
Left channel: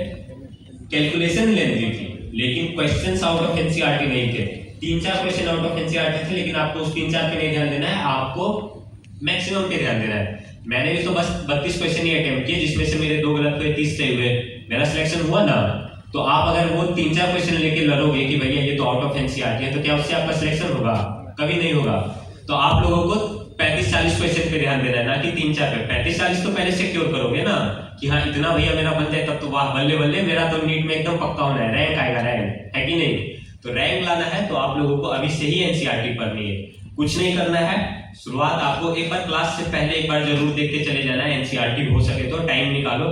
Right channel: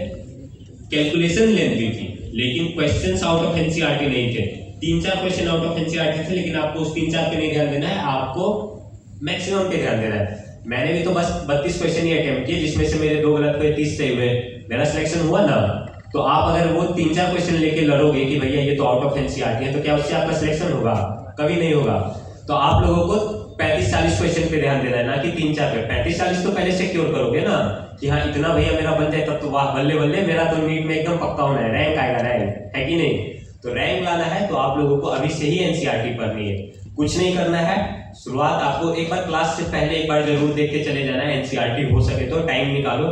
कैलकुलेशन लेंथी थी, लेकिन क्वेश्चंस आउट ऑफ एनसीईआरटी नहीं थे। 3-4 क्वेश्चन आउट ऑफ एनसीईआरटी थे, लेकिन आपको उस 3-4 पे नहीं ध्यान देना है, आपको मैक्सिमम पे ध्यान देना है। मैंने भी तो बस 32 क्वेश्चन ही अटेम्प्ट किए, जिसमें से मेरे 2 गलत हुए, 30 सही हुए, मेरा सिलेक्शन हुआ ना। तो आप अगर वो 3-4 क्वेश्चन लेके लड़ोगे कि भैया ये तो आउट ऑफ एनसीईआरटी है, तो क्या उससे आपका सिलेक्शन होगा? कभी नहीं होगा। तो आप लोगों को 35-40 क्वेश्चन पे ध्यान देना है, ना कि 3-4 पे। 35-40 तो पहले सिक्योर करोगे ना कि हाँ इतना भैया मेरा बन जाए, तब तो वाह बल्ले बल्ले, मेरा तो नीट में एकदम पक्का होना है, रैंक आएगा, रैंक है कि नहीं। तो रैंक लाना है तो आप लोगों को अभी से ही एनसीईआरटी पढ़नी है, कुछ नहीं करना है। शुरुआत आपको एक बार क्लास से पहले एक बार जरूर देख के चले जाना है, एनसीईआरटी हो सके तो टाइम निकालो,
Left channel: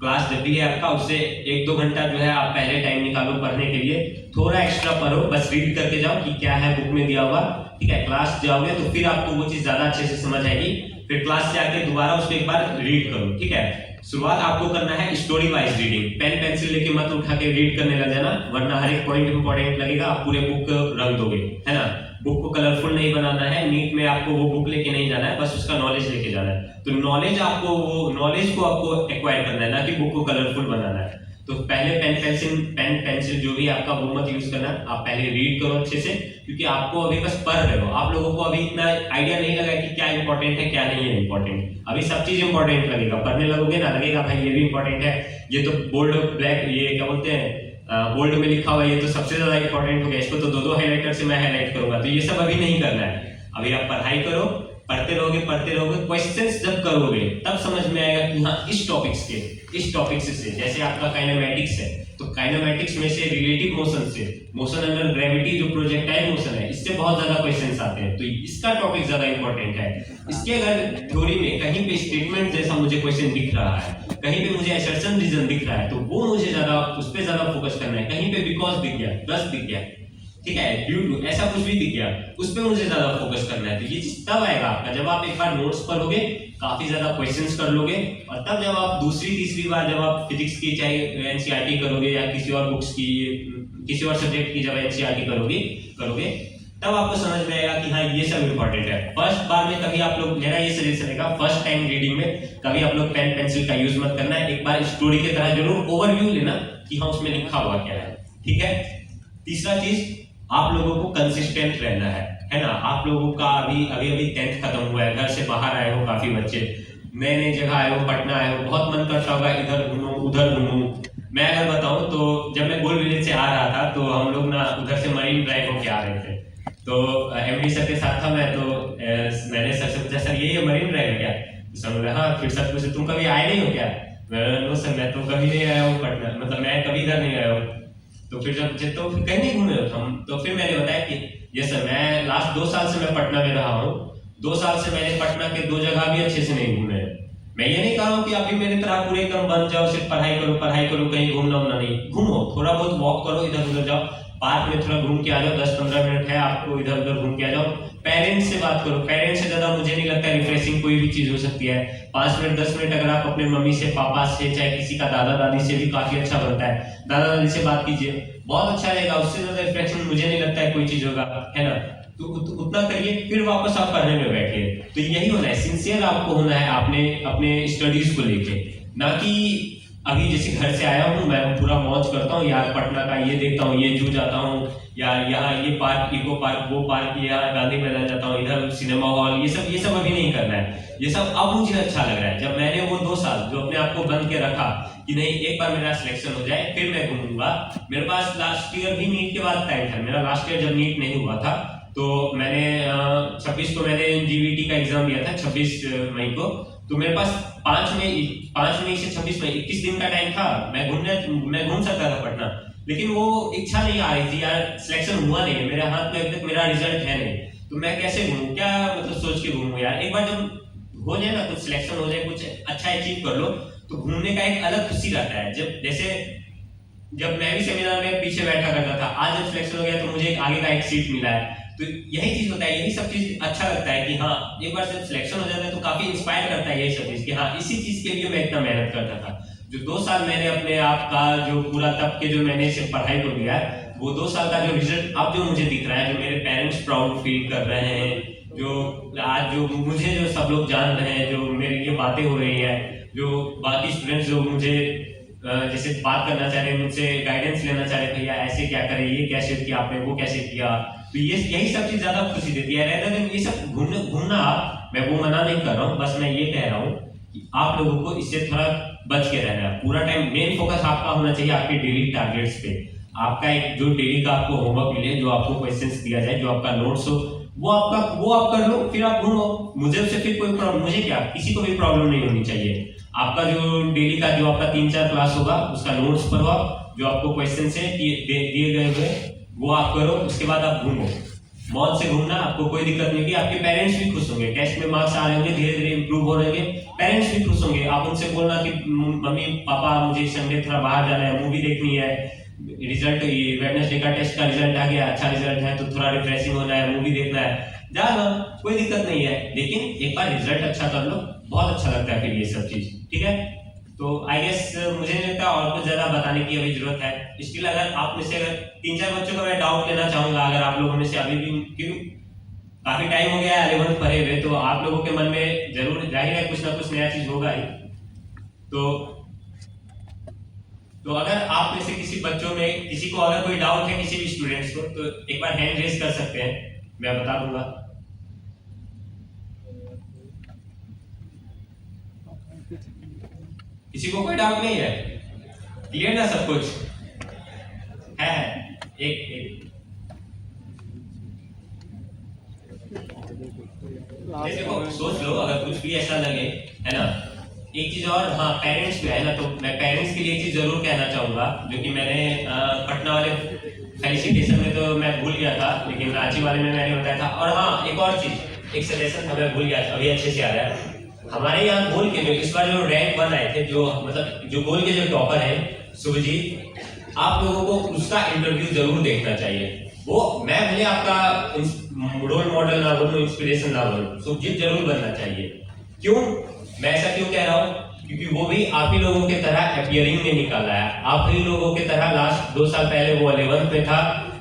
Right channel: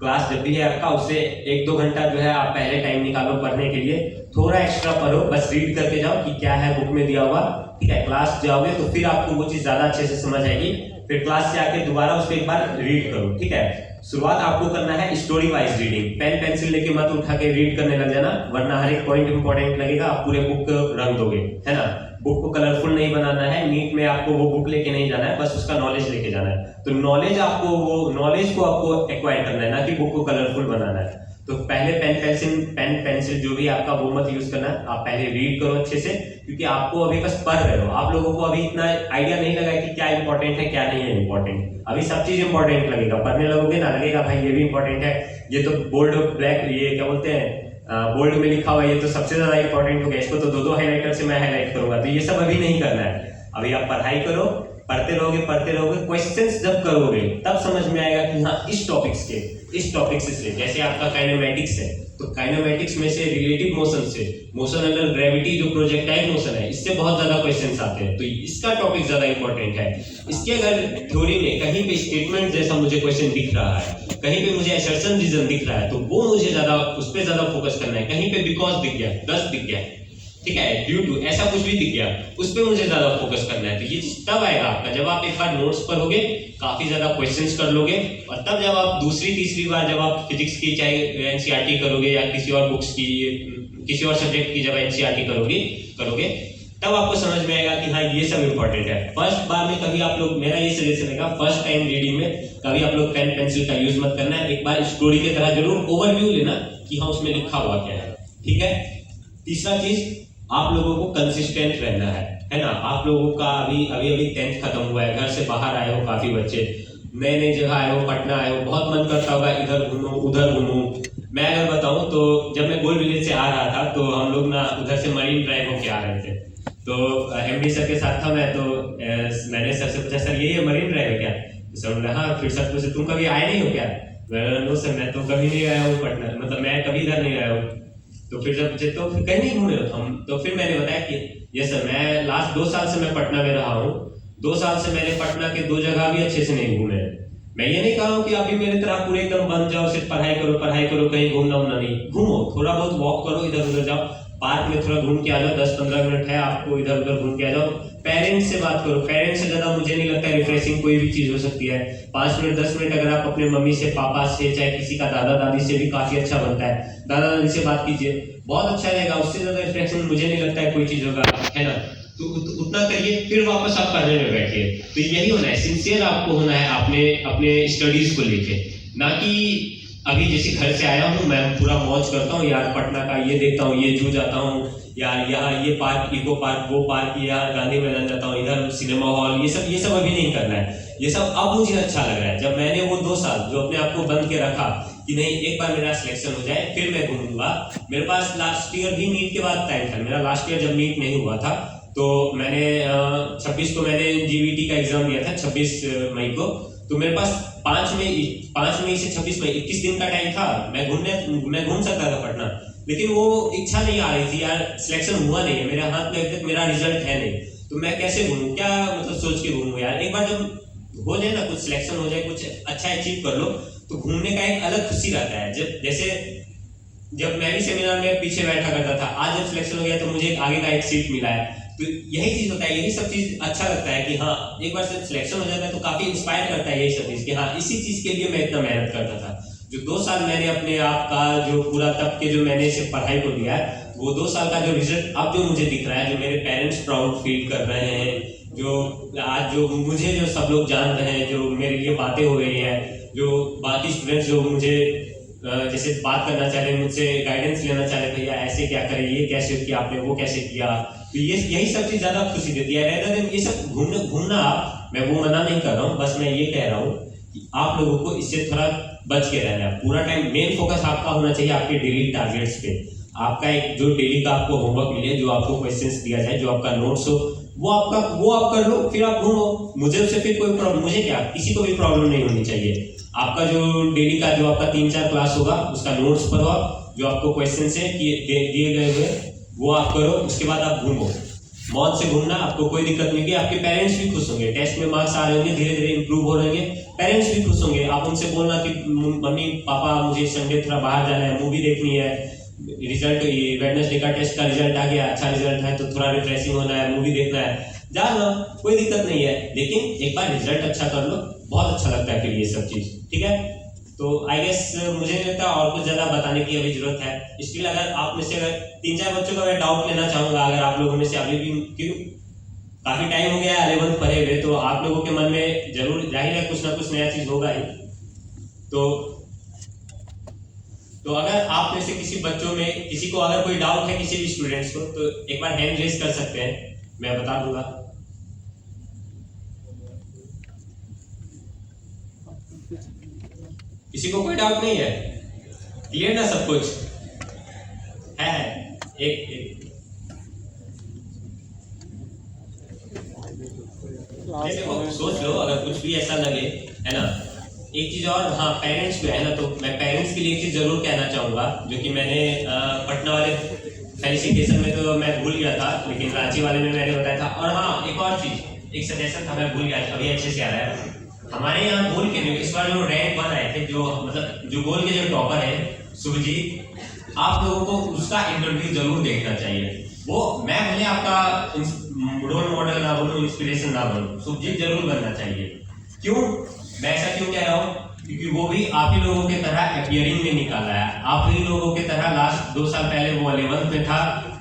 क्लास जब भी है आपका उससे 1-2 घंटा जो है आप पहले टाइम निकालो पढ़ने के लिए, थोड़ा एक्स्ट्रा पढ़ो, बस रीड करके जाओ कि क्या है बुक में दिया हुआ, ठीक है। क्लास जाओगे तो फिर आपको वो चीज ज्यादा अच्छे से समझ आएगी, फिर क्लास से आके दोबारा उसको एक बार रीड करो, ठीक है। शुरुआत आपको करना है story wise reading, pen pencil लेके मत उठा के रीड करने लग जाना, वरना हर एक पॉइंट इंपॉर्टेंट लगेगा, आप पूरे बुक रंग दोगे, है ना। बुक को कलरफुल नहीं बनाना है, नीट में आपको वो बुक लेके नहीं जाना है, बस उसका नॉलेज लेके जाना है। तो नॉलेज को आपको एक्वायर करना है, ना कि बुक को कलरफुल बनाना है। तो पहले पेन पेंसिल जो भी आपका वो मत यूज करना, आप पहले रीड करो अच्छे से, क्योंकि आपको अभी बस पढ़ रहे हो, आप लोगों को अभी इतना आइडिया नहीं लगा कि क्या इंपॉर्टेंट है क्या नहीं है इंपॉर्टेंट। अभी सब चीज इंपॉर्टेंट लगेगा, पढ़ने लगोगे ना लगेगा भाई ये भी इंपॉर्टेंट है, ये तो बोल्ड ब्लैक ये क्या बोलते हैं बोल्ड में लिखा हुआ ये तो सबसे ज्यादा इंपॉर्टेंट हो गया, इसको तो दो हाइलाइटर से मैं हाईलाइट करूंगा। तो ये सब अभी नहीं करना है, अभी आप पढ़ाई करो, पढ़ते रहोगे, क्वेश्चंस जब करोगे तब समझ में आएगा कि हाँ इस टॉपिक से जैसे आपका काइनेमैटिक्स है, तो काइनेमैटिक्स में से रिलेटिव मोशन से, मोशन अंडर ग्रेविटी जो प्रोजेक्टाइल मोशन है, इससे बहुत ज्यादा क्वेश्चंस आते हैं, तो इसका टॉपिक ज्यादा इंपॉर्टेंट है। इसके अगर थ्योरी में कहीं पे स्टेटमेंट जैसा मुझे क्वेश्चन दिख रहा है, कहीं पे मुझे असर्शन रीजन दिख रहा है, तो वो मुझे ज्यादा उस पर ज्यादा फोकस करना है। कहीं पे बिकॉज दिख गया, दस दिख गया, ठीक है, ड्यू टू ऐसा कुछ भी दिख गया, उस पर मुझे ज्यादा फोकस करना है। तो ये चीज तब आएगा आपका जब आप एक बार नोट्स पढ़ोगे, काफी ज्यादा क्वेश्चंस कर लोगे, और तब जब आप दूसरी तीसरी बार जब आप फिजिक्स की चाहे एनसीईआरटी करोगे या किसी और बुक्स की किसी और सब्जेक्ट की जब एनसीईआरटी करोगे तब आपको समझ में आएगा कि हाँ ये सब इंपॉर्टेंट है। फर्स्ट बार में कभी आप लोग, मेरा ये सजेशन है फर्स्ट टाइम रीडिंग में कभी आप लोग पेन पेंसिल का यूज मत करना है, एक बार स्टोरी की तरह जरूर ओवरव्यू लेना कि हाँ उसमें लिखा हुआ क्या है, ठीक है। तीसरा चीज, आप लोगों को कंसिस्टेंट रहना है ना। आप लोगों का अभी 10th खत्म हुआ है, घर से बाहर आए हो, काफी बच्चे नए जगह आए हो, पटना आए हो, बहुत मन करता होगा इधर घूमूं उधर घूमूं। मैं अगर बताऊं तो जब मैं गोल विलेज से आ रहा था तो हम लोग ना उधर से मरीन ड्राइव होके आ रहे थे, तो एमडी सर के साथ था मैं, तो मैंने सर से पूछा सर ये मरीन ड्राइव है क्या? तो सर बोला हाँ। फिर सर पूछे तुम कभी आए नहीं हो क्या? मैं नो सर मैं तो कभी नहीं आया हूँ पटना, मतलब मैं कभी इधर नहीं आया हूँ। तो फिर जब पूछे तो फिर कहीं नहीं घूमे हो हम? तो फिर मैंने बताया कि ये सर मैं लास्ट 2 साल से मैं पटना में रहा हूँ, 2 साल से मैंने पटना के 2 जगह भी अच्छे से नहीं घूमे। मैं ये नहीं कहा हूँ कि अभी मेरी तरह पूरे एकदम बन जाओ, सिर्फ पढ़ाई करो, कहीं घूमना नहीं, घूमो, थोड़ा बहुत वॉक करो, इधर उधर जाओ, पार्क में थोड़ा घूम के आ जाओ, 10-15 मिनट है आपको, इधर उधर घूम के आ जाओ। पेरेंट्स से बात करो, पेरेंट्स से ज्यादा मुझे नहीं लगता रिफ्रेशिंग कोई भी चीज हो सकती है। 5 मिनट 10 मिनट अगर आप अपने मम्मी से, पापा से, चाहे किसी का दादा दादी से भी काफी अच्छा बनता है, दादा दादी से बात कीजिए, बहुत अच्छा रहेगा। उससे ज्यादा रिफ्रेशिंग मुझे नहीं लगता है कोई चीज होगा, है ना। तो उतना करिए, फिर वापस आप पढ़ने में बैठिए। तो यही होना है, सिंसियर आपको होना है अपने स्टडीज को लेके, ना कि अभी जैसे घर से आया हूँ मैं पूरा मौज करता हूँ यार, पटना का ये देखता हूँ, ये जू जाता हूँ यार, यहाँ ये पार्क, इको पार्क, वो पार्क, यहाँ गांधी मैदान जाता हूँ, इधर सिनेमा हॉल, ये सब अभी नहीं करना है। ये सब अब मुझे अच्छा लग रहा है, जब मैंने वो 2 साल जो अपने आप को बंद के रखा कि नहीं एक बार मेरा सिलेक्शन हो जाए फिर मैं घूमूंगा। मेरे पास लास्ट ईयर भी नीट के बाद टाइम था, मेरा लास्ट ईयर जब नीट नहीं हुआ था तो मैंने 26 को मैंने जीवीटी का एग्जाम दिया था, 26 मई को। तो मेरे पास 5 मई से 26 मई 21 दिन का टाइम था, मैं घूम सकता था पटना, लेकिन वो इच्छा नहीं आ रही थी यार, सिलेक्शन हुआ नहीं है मेरे हाथ में, अभी तक मेरा रिजल्ट है नहीं, तो मैं कैसे घूमूं, क्या मतलब सोच के घूमूं यार। एक बार जब हो जाए ना, कुछ सिलेक्शन हो जाए, कुछ अच्छा अचीव कर लो, तो घूमने का एक अलग खुशी रहता है। जब मैं भी सेमिनार में पीछे बैठा करता था, आज जब सिलेक्शन हो गया तो मुझे आगे का एक सीट मिला है, तो यही चीज होता है, यही सब चीज अच्छा लगता है कि हाँ एक बार जब सिलेक्शन हो जाता है तो काफी इंस्पायर करता है यही सब चीज कि हाँ इसी चीज के लिए मैं इतना मेहनत करता था। जो 2 साल मैंने अपने आप का जो पूरा तब के जो मैंने सिर्फ पढ़ाई को दिया है, वो 2 साल का जो रिजल्ट अब जो मुझे दिख रहा है, जो मेरे पेरेंट्स प्राउड फील कर रहे हैं, जो आज जो मुझे जो सब लोग जान रहे हैं, जो मेरे लिए बातें हो रही है, जो बाकी स्टूडेंट्स जो मुझे जैसे बात करना चाह रहे हैं, मुझसे गाइडेंस लेना चाह रहे, भैया ऐसे क्या करें, ये कैसे किया आपने, वो कैसे किया, तो यही सब चीज ज्यादा खुशी देती है। रहता है ये सब घूमना, मैं वो मना नहीं कर रहा हूँ, बस मैं ये कह रहा हूँ कि आप लोगों को इससे थोड़ा बच के रहना है। पूरा टाइम मेन फोकस आपका होना चाहिए आपके डेली टारगेट्स पे। आपका एक जो डेली का आपको होमवर्क मिले, जो आपको क्वेश्चंस दिया जाए, जो आपका नोट्स हो, वो आप कर लो, फिर आप घूमो। मुझे उससे फिर कोई प्रॉब्लम, मुझे क्या, किसी को भी प्रॉब्लम नहीं होनी चाहिए। आपका जो डेली का जो आपका 3-4 क्लास होगा, उसका नोट्स पढ़ो आप, जो आपको क्वेश्चन है दिए गए हुए वो आप करो, उसके बाद आप घूमो। मौज से घूमना, आपको कोई दिक्कत नहीं होगी, आपके पेरेंट्स भी खुश होंगे, टेस्ट में मार्क्स आ रहे होंगे, धीरे धीरे इंप्रूव हो रहे होंगे, पेरेंट्स भी खुश होंगे। आप उनसे बोलना कि मम्मी पापा मुझे संडे थोड़ा बाहर जाना है, मूवी देखनी है, रिजल्ट ये वेडनेसडे का टेस्ट का रिजल्ट आ गया, अच्छा रिजल्ट है तो थोड़ा रिफ्रेशिंग होना है, मूवी देखना है, जाना, कोई दिक्कत नहीं है। लेकिन एक बार रिजल्ट अच्छा कर लो, बहुत अच्छा लगता है फिर ये सब चीज, ठीक है। तो आई गेस मुझे नहीं लगता और कुछ ज़्यादा बताने की अभी जरूरत है। स्टिल अगर आप में से अगर 3-4 बच्चों का मैं डाउट लेना चाहूँगा, अगर आप लोगों में से अभी भी, क्यों काफ़ी टाइम हो गया है 11th पढ़े हुए, तो आप लोगों के मन में जरूर जाहिर है कुछ ना कुछ नया चीज़ होगा ही। तो अगर आप में से किसी बच्चों में किसी को अगर कोई डाउट है किसी भी स्टूडेंट्स को, तो एक बार हैंड रेज कर सकते हैं, मैं बता दूंगा। किसी को कोई डाउट नहीं है? क्लियर ना सब कुछ है? एक देखो सोच लो, अगर कुछ भी ऐसा लगे, है ना। एक चीज और, हाँ पेरेंट्स पे है ना, तो मैं पेरेंट्स के लिए एक चीज जरूर कहना चाहूंगा, जो कि मैंने पटना वाले फेलिसिटेशन में तो मैं भूल गया था, लेकिन रांची वाले में मैंने बताया था। और हाँ एक और चीज, एक सजेशन था, मैं भूल गया था, अभी अच्छे से याद है। हमारे यहाँ गोल के इस बार जो रैंक 1 आए थे, जो मतलब जो गोल के जो टॉपर है शुभजीत, आप लोगों को उसका इंटरव्यू जरूर देखना चाहिए। वो मैं भले आपका रोल मॉडल ना बोलूं, इंस्पिरेशन ना बोलूं, शुभजीत जरूर बनना चाहिए। क्यों मैं ऐसा क्यों कह रहा हूँ? क्योंकि वो भी आप ही लोगों की तरह अपीयरिंग में निकाला है, आप ही लोगों की तरह लास्ट 2 साल पहले वो 11th में था,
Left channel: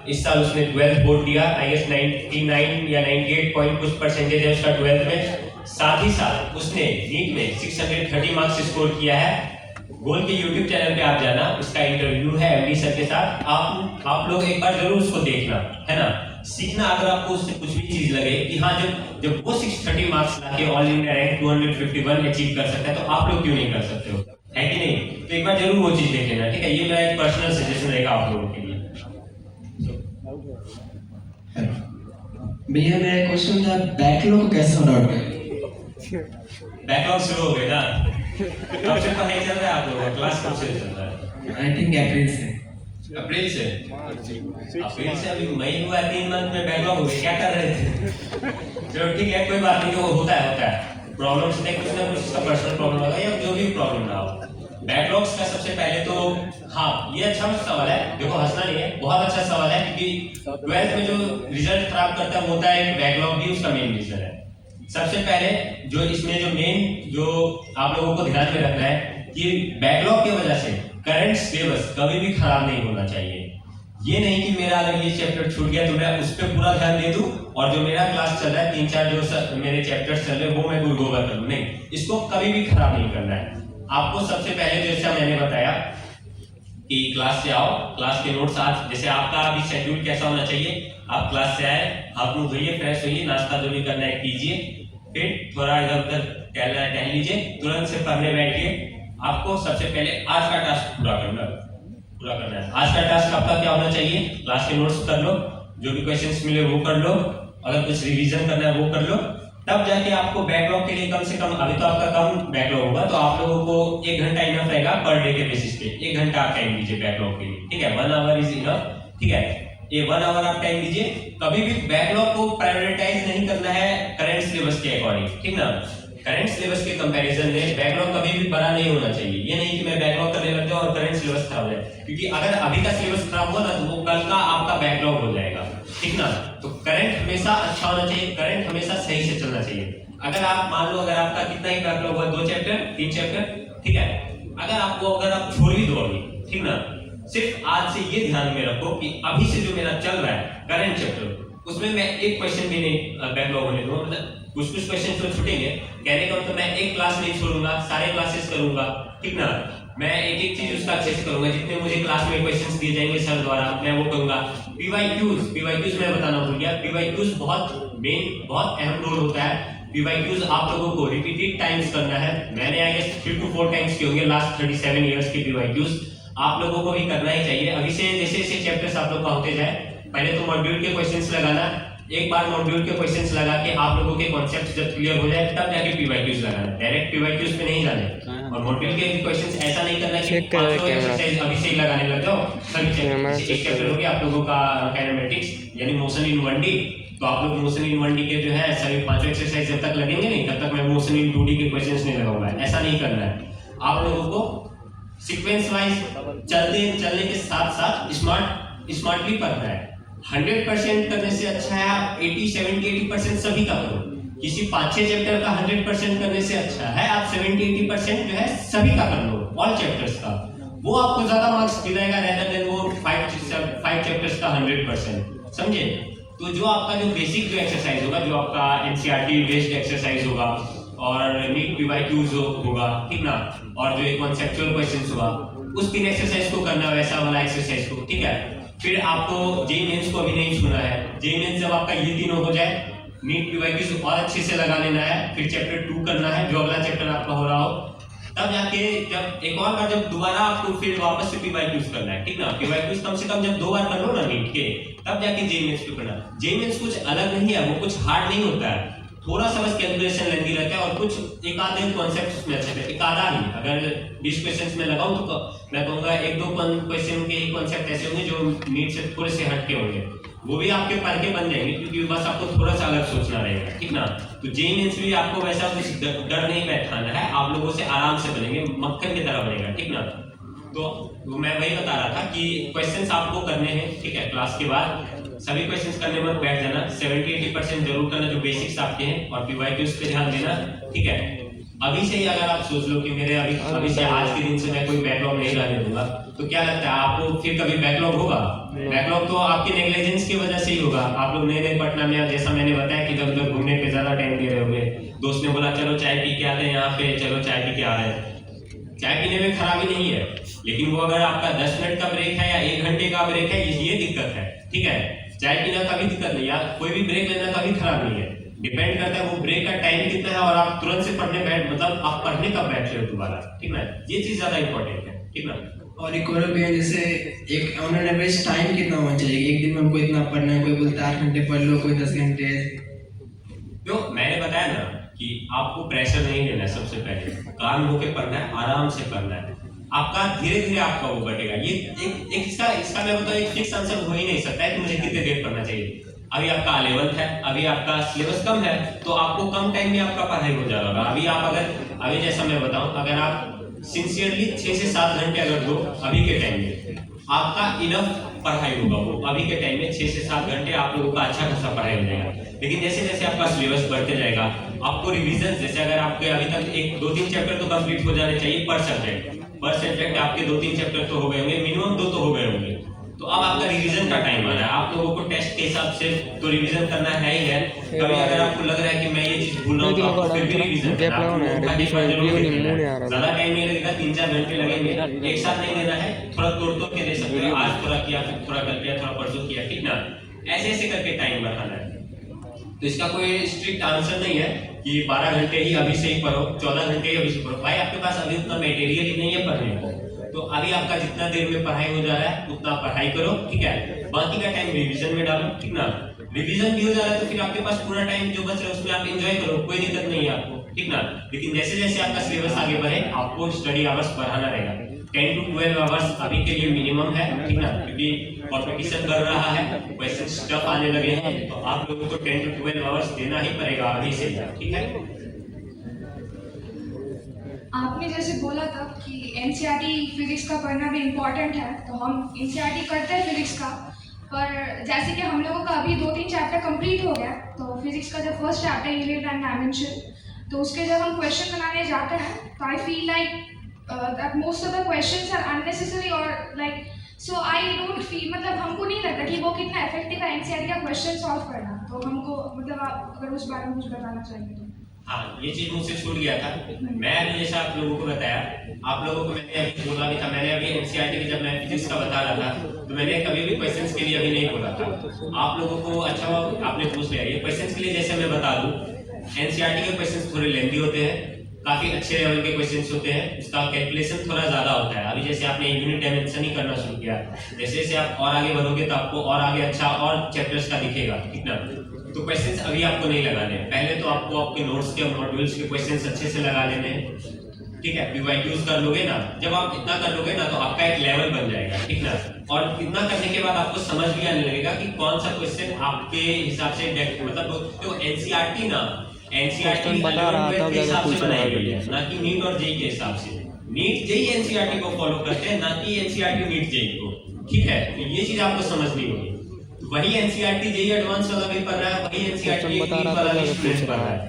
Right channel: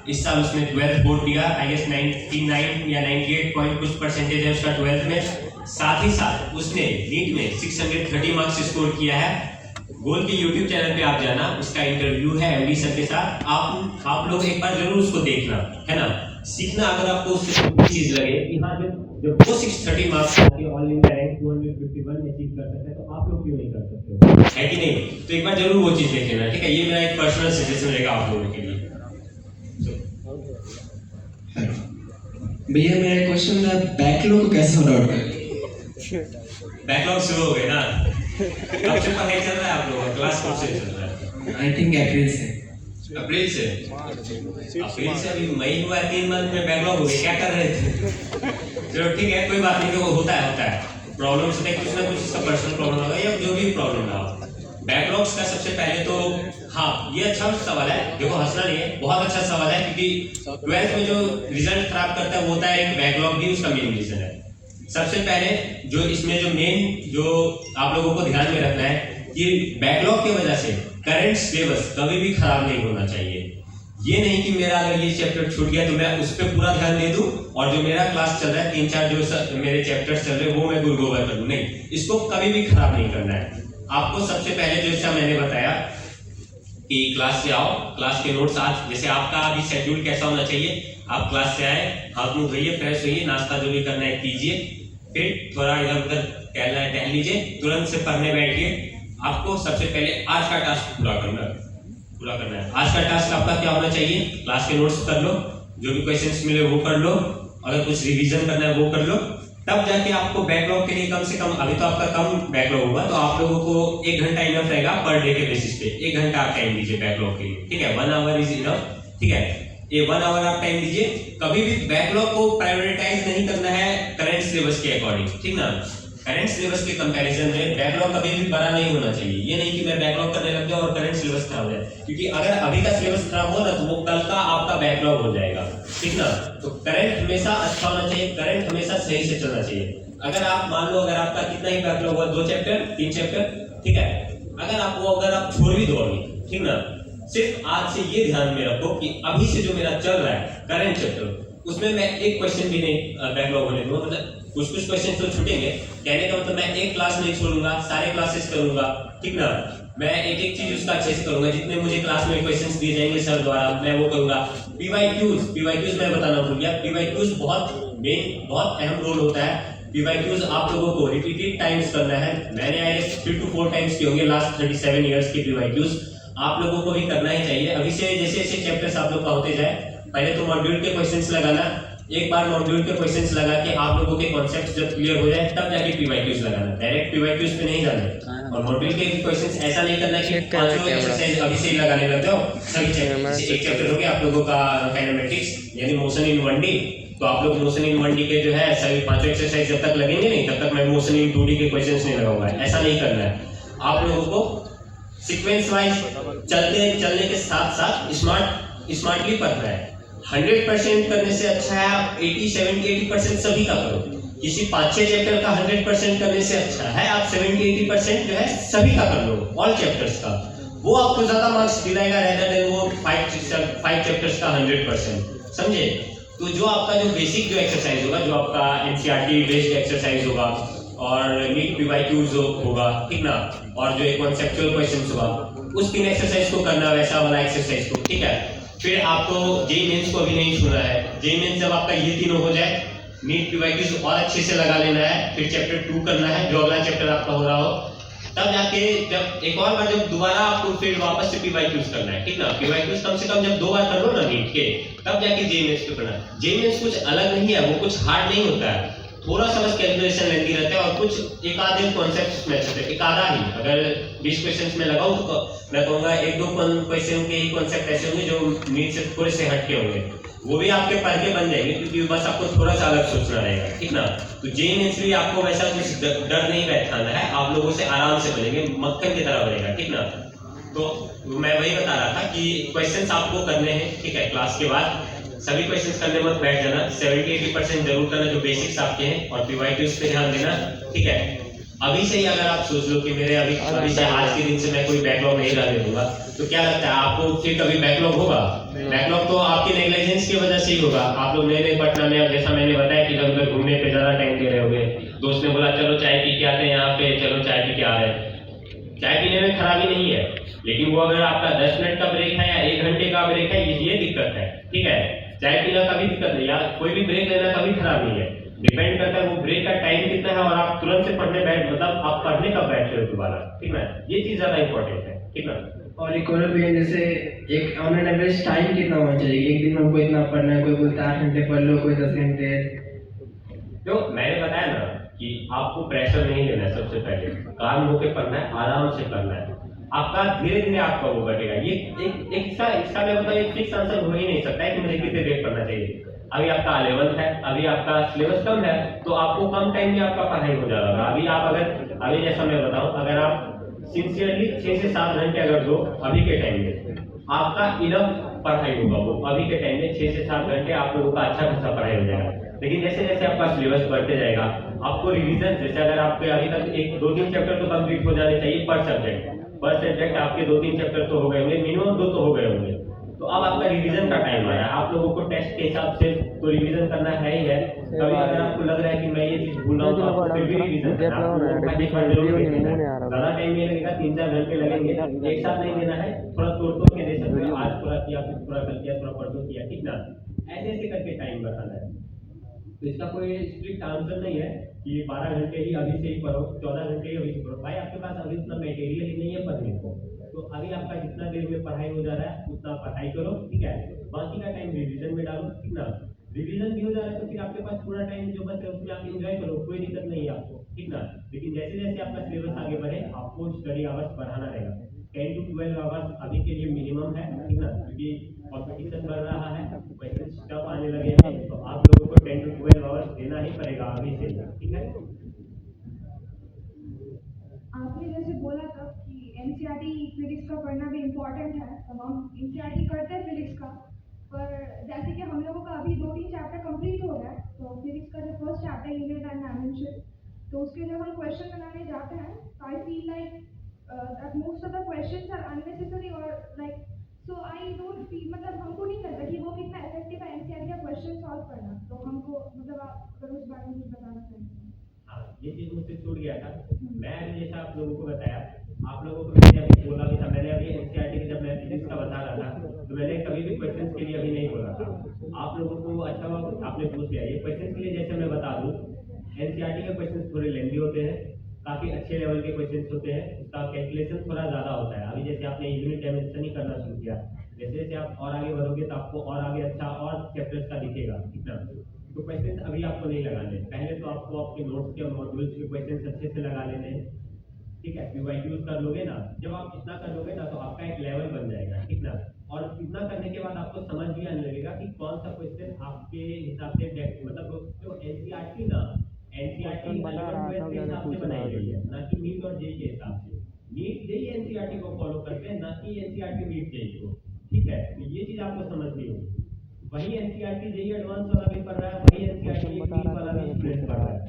इस साल उसने 12th बोर्ड दिया, आई गेस 99 या 98 पॉइंट कुछ परसेंटेज है उसका 12th में। साथ ही साथ उसने नीट में 630 मार्क्स स्कोर किया है। गोल के यूट्यूब चैनल पे आप जाना, उसका इंटरव्यू है एमडी सर के साथ, आप लोग एक बार जरूर उसको देखना, है ना, सीखना। अगर आपको उससे कुछ भी चीज लगे कि हाँ जब वो 630 मार्क्स आके ऑल इंडिया रैंक 251 अचीव कर सकता है, तो आप लोग क्यों नहीं कर सकते हो, है कि नहीं? तो एक बार जरूर वो चीज देख लेना, ठीक है? ये मेरा एक पर्सनल सजेशन रहेगा आप लोगों के लिए। भैया मेरा क्वेश्चन था, बैकलॉग कैसे सॉर्ट आउट करें? बैकलॉग शुरू हो गए ना? कब से पढ़ाई चल रहा है आप लोगों का? क्लास कब से चल रहा है? आई थिंक अप्रैल से। अप्रैल से अभी मई हुआ, 3 मंथ में बैकलॉग हो गए, क्या कर रहे थे? चलो ठीक है, कोई बात नहीं, वो होता है प्रॉब्लम से कुछ ना कुछ इसका पर्सनल प्रॉब्लम होगा या जो भी प्रॉब्लम रहा हो। बैकलॉग्स का सबसे पहले तो हाँ ये अच्छा सवाल है, देखो हंसना नहीं है, बहुत अच्छा सवाल है, क्योंकि 12th में जो रिजल्ट खराब करता है वो होता है एक बैकलॉग भी उसका मेन रीजन है। सबसे पहले जो इसमें जो मेन जो आप लोगों को ध्यान में रखना है कि बैकलॉग की वजह से करंट सिलेबस कभी भी खराब नहीं होना चाहिए। ये नहीं कि मेरा अगर ये चैप्टर छूट गया तो मैं उस पर पूरा ध्यान दे दूं और जो मेरा क्लास चल रहा है 3-4 जो मेरे चैप्टर्स चल रहे हैं वो मैं गुरगोबर करूं, नहीं, इसको कभी भी खराब नहीं करना है। आपको सबसे पहले जैसा मैंने बताया कि क्लास से आओ, क्लास के नोट्स आज जैसे आपका अभी शेड्यूल कैसा होना चाहिए, आप क्लास से आए, हाथ मुंह धोइए, फ्रेश होइए, नाश्ता जो भी करना है कीजिए, फिर थोड़ा इधर उधर टहल लीजिए, तुरंत से पढ़ने बैठिए। आपको सबसे पहले आज का टास्क पूरा करना है। आज का टास्क आपका क्या होना चाहिए? क्लास के नोट्स कर लो, जो भी क्वेश्चंस मिले वो कर लो, अगर कुछ रिवीजन करना है वो कर लो, तब जाके आपको बैकलॉग के लिए कम से कम, अभी तो आपका कम बैकलॉग होगा तो आप लोगों को 1 घंटा इनफ रहेगा पर डे के बेसिस पे। 1 घंटा आप टाइम दीजिए बैकलॉग के लिए, ठीक है? 1 आवर इज इनफ, ठीक है? ये 1 आवर आप टाइम दीजिए। कभी भी बैकलॉग को प्रायोरिटाइज नहीं करना है करंट सिलेबस के अकॉर्डिंग, ठीक ना? करंट सिलेबस के कंपैरिजन में बैकलॉग कभी भी बड़ा नहीं होना चाहिए। ये नहीं कि मैं बैकलॉग करने लग जाऊं और करंट सिलेबस खराब है, क्योंकि अगर अभी का सिलेबस खराब हो ना तो वो कल का आपका बैकलॉग हो जाएगा, ठीक ना? तो करंट हमेशा अच्छा होना चाहिए, करंट हमेशा सही से चलना चाहिए। अगर आप मान लो अगर आपका कितना ही बैकलॉग हुआ, 2 चैप्टर 3 चैप्टर, ठीक है, अगर आप छोड़ भी दो अभी, ठीक ना, सिर्फ आज से ये ध्यान में रखो कि अभी से जो मेरा चल रहा है करंट चैप्टर, उसमें मैं एक क्वेश्चन भी नहीं बैकलॉग होने दूंगा। मतलब कुछ क्वेश्चन तो छूटेंगे, कहने का मतलब मैं एक क्लास नहीं छोड़ूंगा, सारे क्लासेस करूंगा, ठीक ना? मैं एक चीज उसका अच्छे से करूंगा, जितने मुझे क्लास में क्वेश्चंस दिए जाएंगे सर द्वारा मैं वो करूंगा। पीवाईक्यूज मैं बताना भूल गया, पीवाईक्यूज बहुत अहम रोल होता है। पीवाईक्यूज आप लोगों को रिपीटेड टाइम्स करना है। मैंने आई गेस 3 to 4 टाइम्स किए होंगे लास्ट 37 इयर्स के पीवाईक्यूज, आप लोगों को भी करना ही चाहिए। अभी से जैसे चैप्टर्स आप लोग का होते जाए, पहले तो मॉड्यूल के क्वेश्चंस लगाना, एक बार मॉड्यूल के क्वेश्चंस लगा के आप लोगों के कॉन्सेप्ट जब क्लियर हो जाए तब जाके पीवाईक्यूज लगाना, डायरेक्ट पीवाईक्यूज पे नहीं जाना। और मॉड्यूल के क्वेश्चंस ऐसा नहीं करना कि 500 एक्सरसाइज अभी से ही लगाने लग जाओ। सभी चैप्टर एक चैप्टर हो गया आप लोगों का काइनेमेटिक्स यानी मोशन इन 1D, तो आप लोग मोशन इन 1D के जो है सभी 500 एक्सरसाइज जब तक लगेंगे नहीं तब तक मैं मोशन इन 2D के क्वेश्चंस नहीं लगाऊंगा। ऐसा नहीं करना है, आप लोगों को सीक्वेंस वाइज चलने के साथ साथ स्मार्टली पढ़ना है। 100% करने से अच्छा है 80, 70, 80% सभी का करो। किसी 5-6 चैप्टर का 100% करने से अच्छा है आप 70-80% जो है सभी का कर लो, ऑल चैप्टर्स का, वो आपको ज्यादा मार्क्स दिलाएगा रेदर देन वो 5 चैप्टर्स का 100%, समझे। तो जो आपका जो बेसिक जो एक्सरसाइज होगा, जो आपका एनसीईआरटी बेस्ड एक्सरसाइज होगा और नीट पीवाईक्यूज होगा, ठीक ना, और जो एक कॉन्सेप्चुअल क्वेश्चंस होगा, उस 3 एक्सरसाइज को करना, वैसा वाला एक्सरसाइज को, ठीक है। फिर आपको जेईई मेंस को अभी नहीं छूना है, जेईई मेंस जब आपका ये तीनों हो जाए, नीट पीवाईक्यूज और अच्छे से लगा लेना है, फिर चैप्टर 2 करना है, जो अगला चैप्टर आपका हो रहा हो, तब जाके जब एक और बार जब दोबारा आपको फिर वापस से पीवाईक्यूज करना है, ठीक ना। पीवाईक्यूज कम से कम जब 2 बार कर लो ना नीट के, तब जाके जेईई मेंस को करना। जेईई मेंस कुछ अलग नहीं है, वो कुछ हार्ड नहीं होता है, थोड़ा सा बस कैलकुलेशन लेंदी रहता है और कुछ एक आधे कॉन्सेप्ट्स में अच्छे थे, एक आधा ही, अगर 20 क्वेश्चंस में लगाऊं तो मैं कहूंगा 1-2 क्वेश्चन के ही कॉन्सेप्ट ऐसे होंगे जो नीट से थोड़े से हटके होंगे, वो भी आपके पढ़ के बन जाएंगे, क्योंकि बस आपको थोड़ा सा अलग सोचना रहेगा, ठीक ना। तो जेईई मेंस भी आपको वैसा कुछ डर नहीं बैठाना है, आप लोगों से आराम से बनेंगे, मक्खन की तरह बनेगा, ठीक ना। तो मैं वही बता रहा था कि क्वेश्चंस आपको करने हैं, ठीक है, क्लास के बाद सभी क्वेश्चंस करने में बैठ जाना, 70-80% जरूर करना जो बेसिक्स आपके हैं, और पीवाईक्यूज पे ध्यान देना, ठीक है। अभी से ही अगर आप सोच लो कि मेरे अभी से आज के दिन से मैं कोई बैकलॉग नहीं रहने दूंगा, तो क्या लगता है आपको फिर कभी बैकलॉग होगा? बैकलॉग तो आपके नेग्लिजेंस की वजह से ही होगा। आप लोग नए पटना में, जैसा मैंने बताया कि जब उधर घूमने पे ज्यादा टाइम दे रहे होंगे, दोस्त ने बोला चलो चाय पी के आते हैं यहाँ पे, चलो चाय पी के आ रहे हैं। चाय पीने में खराबी नहीं है, लेकिन वो अगर आपका 10 मिनट का ब्रेक है या 1 घंटे का ब्रेक है, ये दिक्कत है, ठीक है। चाय पीना कभी दिक्कत नहीं, यार कोई भी ब्रेक लेना कभी खराब नहीं है, डिपेंड करता है वो ब्रेक का टाइम कितना है और आप तुरंत से पढ़ने बैठ, मतलब आप पढ़ने कब बैठ रहे हो दोबारा, ठीक ना, ये चीज ज्यादा इंपॉर्टेंट है, ठीक ना। और एक और भी है, जैसे एक ऑन एन एवरेज टाइम कितना होना चाहिए, एक दिन में हमको इतना पढ़ना है, कोई बोलता है 8 घंटे पढ़ लो, कोई 10 घंटे। तो मैंने बताया ना कि आपको प्रेशर नहीं लेना है, सबसे पहले काम होके पढ़ना है, आराम से पढ़ना है, आपका धीरे धीरे आपका वो बढ़ेगा। ये एक इसका मैं बताऊं, एक फिक्स आंसर हो ही नहीं सकता है कि मुझे कितने देर पढ़ना चाहिए। अभी आपका 11th है, अभी आपका सिलेबस कम है, तो आपको कम टाइम में आपका पढ़ाई हो जाएगा। अभी जैसा मैं बताऊं, अगर आप सिंसियरली 6 से 7 घंटे अगर दो अभी के टाइम में, आपका इनफ पढ़ाई होगा, वो अभी के टाइम में 6 से 7 घंटे आप लोगों का अच्छा खासा पढ़ाई हो जाएगा। लेकिन जैसे जैसे आपका सिलेबस बढ़ते जाएगा, आपको रिवीजन, जैसे अगर आपके अभी तक 1-2-3 चैप्टर तो कंप्लीट हो जाने चाहिए पर सब्जेक्ट आपके 2-3 चैप्टर तो हो गए होंगे, मिनिमम 2 तो हो गए होंगे। तो अब आपका रिवीजन का टाइम आ रहा है, आप लोगों को टेस्ट के हिसाब से तो रिवीजन करना है ही है। कभी अगर आपको लग रहा है कि मैं ये चीज भूल रहा हूं, तो आपको फिर भी रिवीजन करना है, ज्यादा टाइम नहीं लगेगा, 3-4 घंटे लगेंगे, एक साथ नहीं देना है, थोड़ा तोड़ के दे सकते हो, आज थोड़ा किया, फिर थोड़ा कर लिया, थोड़ा परसों किया, ठीक ना, ऐसे ऐसे करके टाइम बढ़ाना है। तो इसका कोई स्ट्रिक्ट आंसर नहीं है कि 12 घंटे ही अभी से ही पढ़ो, 14 घंटे ही अभी से पढ़ो। भाई आपके पास अभी उतना मटेरियल ही नहीं है पढ़ने को, तो अभी आपका जितना देर में पढ़ाई हो जा रहा है उतना पढ़ाई करो, ठीक है। बाकी का टाइम रिवीजन में डालो, ठीक ना। रिवीजन भी हो जा रहा है तो फिर आपके पास पूरा टाइम जो बच रहा है उसमें आप एंजॉय करो, कोई दिक्कत नहीं है आपको, ठीक ना। लेकिन जैसे जैसे आपका सिलेबस आगे बढ़े, आपको स्टडी आवर्स बढ़ाना रहेगा। 10 to 12 आवर्स अभी के लिए मिनिमम है, ठीक ना, क्योंकि कॉम्पिटिशन बढ़ रहा है, क्वेश्चन टफ आने लगे हैं, तो आप लोगों को 10 to 12 आवर्स देना ही पड़ेगा अभी से, ठीक है। आपने जैसे बोला था कि एनसीईआरटी फिजिक्स का पढ़ना भी इम्पोर्टेंट है, तो हम एनसीईआरटी करते हैं फिजिक्स का, पर जैसे कि हम लोगों का अभी 2-3 चैप्टर कंप्लीट हो गया, तो फिजिक्स का जब first chapter unit and dimension, तो उसके जब हम क्वेश्चन बनाने जाते हैं, तो I feel like that most of the questions are unnecessary, और like so I don't feel, मतलब हमको नहीं लगता कि वो कितना इफेक्टिव है एनसीईआरटी का क्वेश्चन सॉल्व करना। तो हमको, मतलब आप अगर उस बारे में कुछ बताना चाहिए तो। हाँ, ये चीज मुझसे छूट गया था। मैं अभी जैसा आप लोगों को बताया, आप लोगों को मैंने अभी बोला भी था, मैंने अभी एनसीईआरटी की जब मैं फिजिक्स का बता रहा था, तो मैंने कभी भी क्वेश्चंस के लिए अभी नहीं बोला था। आप लोगों को अच्छा आपने पूछ लिया, ये क्वेश्चंस के लिए जैसे मैं बता दूं, एनसीईआरटी के क्वेश्चंस थोड़े लेंथी होते हैं, काफी अच्छे लेवल के क्वेश्चंस होते हैं, उसका कैलकुलेशन थोड़ा ज्यादा होता है। अभी जैसे आपने यूनिट डायमेंशन ही करना शुरू किया, जैसे जैसे आप और आगे बढ़ोगे तो आपको और आगे अच्छा और चैप्टर्स का दिखेगा, ठीक ना। तो क्वेश्चंस अभी आपको नहीं लगाने हैं, पहले तो आपको आपके नोट्स के मॉड्यूल्स के क्वेश्चंस अच्छे से लगा लेने हैं, ठीक है। पीवाईक्यूज कर लोगे ना, जब आप इतना कर लोगे ना, तो आपका एक लेवल बन जाएगा, ठीक ना। और इतना करने के बाद आपको समझ भी आने लगेगा कि कौन सा क्वेश्चन आपके हिसाब से, मतलब तो एनसीईआरटी ना, एनसीईआरटी 11-12 के हिसाब से बनाई गई है, ना कि नीट और जेईई के हिसाब से। नीट जेईई एनसीईआरटी को फॉलो करते हैं, ना कि एनसीईआरटी नीट जेईई को, ठीक है। तो ये चीज आपको समझनी होगी। वही एनसीईआरटी जेईई एडवांस वाला भी पढ़ रहा है, वही एनसीईआरटी नीट वाला भी स्टूडेंट पढ़ रहा है।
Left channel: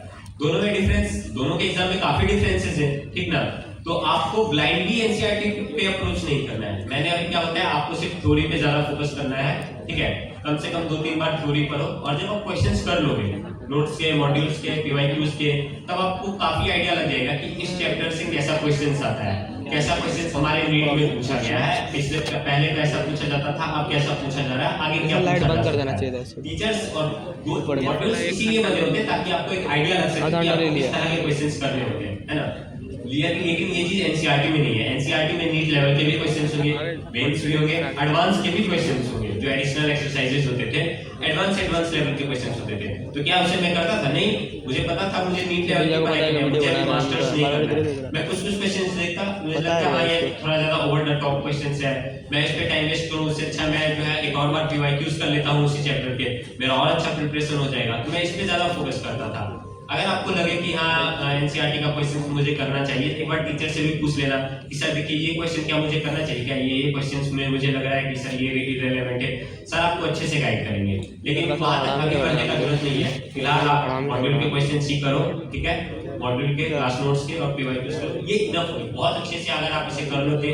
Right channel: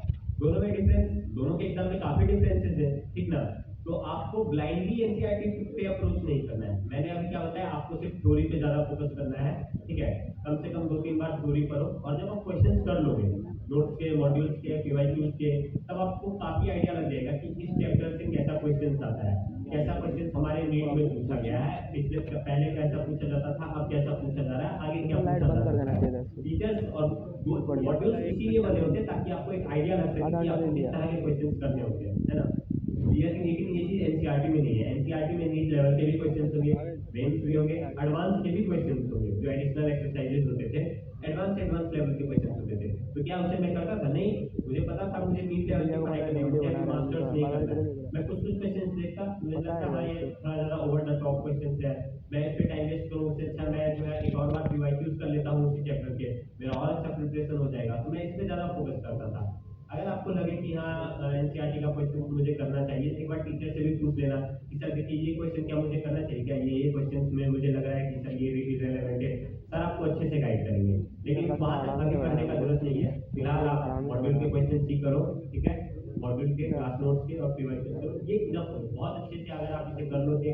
दोनों में डिफरेंस, दोनों के एग्जाम में काफी डिफरेंसेस है, ठीक ना। तो आपको ब्लाइंडली एनसीईआरटी पे अप्रोच नहीं करना है। मैंने अभी क्या बताया, आपको सिर्फ थ्योरी पे ज्यादा फोकस करना है, ठीक है। कम से कम 2-3 बार थ्योरी पढ़ो, और जब आप क्वेश्चंस कर लोगे नोट्स के, मॉड्यूल्स के, पीवाईक्यूज के, तब आपको काफी आइडिया लग जाएगा कि इस चैप्टर से कैसा क्वेश्चंस आता है, कैसा क्वेश्चन हमारे नीट में पूछा गया है, पिछले पहले कैसा पूछा जाता था, अब कैसा पूछा जा रहा है, आगे क्या पूछा जा सकता है। टीचर्स और मॉड्यूल्स इसीलिए बने होते हैं ताकि आपको एक आइडिया लग सके कि आपको किस तरह के क्वेश्चंस करने होते हैं, है ना। लेकिन ये चीज एनसीईआरटी में नहीं है। एनसीईआरटी में नीट लेवल के भी क्वेश्चंस होंगे, मेंस भी होंगे, एडवांस के भी क्वेश्चंस होंगे, जो एडिशनल एक्सरसाइजेस होते थे, एडवांस लेवल के क्वेश्चंस होते थे। तो क्या उसे मैं करता था? नहीं, मुझे पता था मुझे नीट लेवल की पढ़ाई करनी है, मुझे अभी मास्टर्स नहीं करना है। मैं कुछ क्वेश्चंस देखता, मुझे लगता है ये थोड़ा ज्यादा ओवर द टॉप क्वेश्चंस है, मैं इस पे टाइम वेस्ट करूं, उससे अच्छा मैं जो है एक और बार पीवाईक्यूज कर लेता हूं उसी चैप्टर के, मेरा और अच्छा प्रिपरेशन हो जाएगा। तो मैं इस पे ज्यादा फोकस करता था। अगर आपको लगे कि हाँ एनसीईआरटी का क्वेश्चन मुझे करना चाहिए, एक बार टीचर से भी पूछ लेना कि सर देखिए ये क्वेश्चन क्या मुझे करना चाहिए, क्या ये क्वेश्चन में मुझे लग रहा है कि सर ये इररिलेवेंट है, सर आपको अच्छे से गाइड करेंगे। लेकिन वहां तक आगे बढ़ने का जरूरत नहीं है। फिलहाल आप मॉड्यूल के क्वेश्चन सी करो, ठीक है, मॉड्यूल के क्लास नोट्स के और पीवाईक्यूज के, ये इनफ है बहुत अच्छे से। अगर आप इसे कर लेते,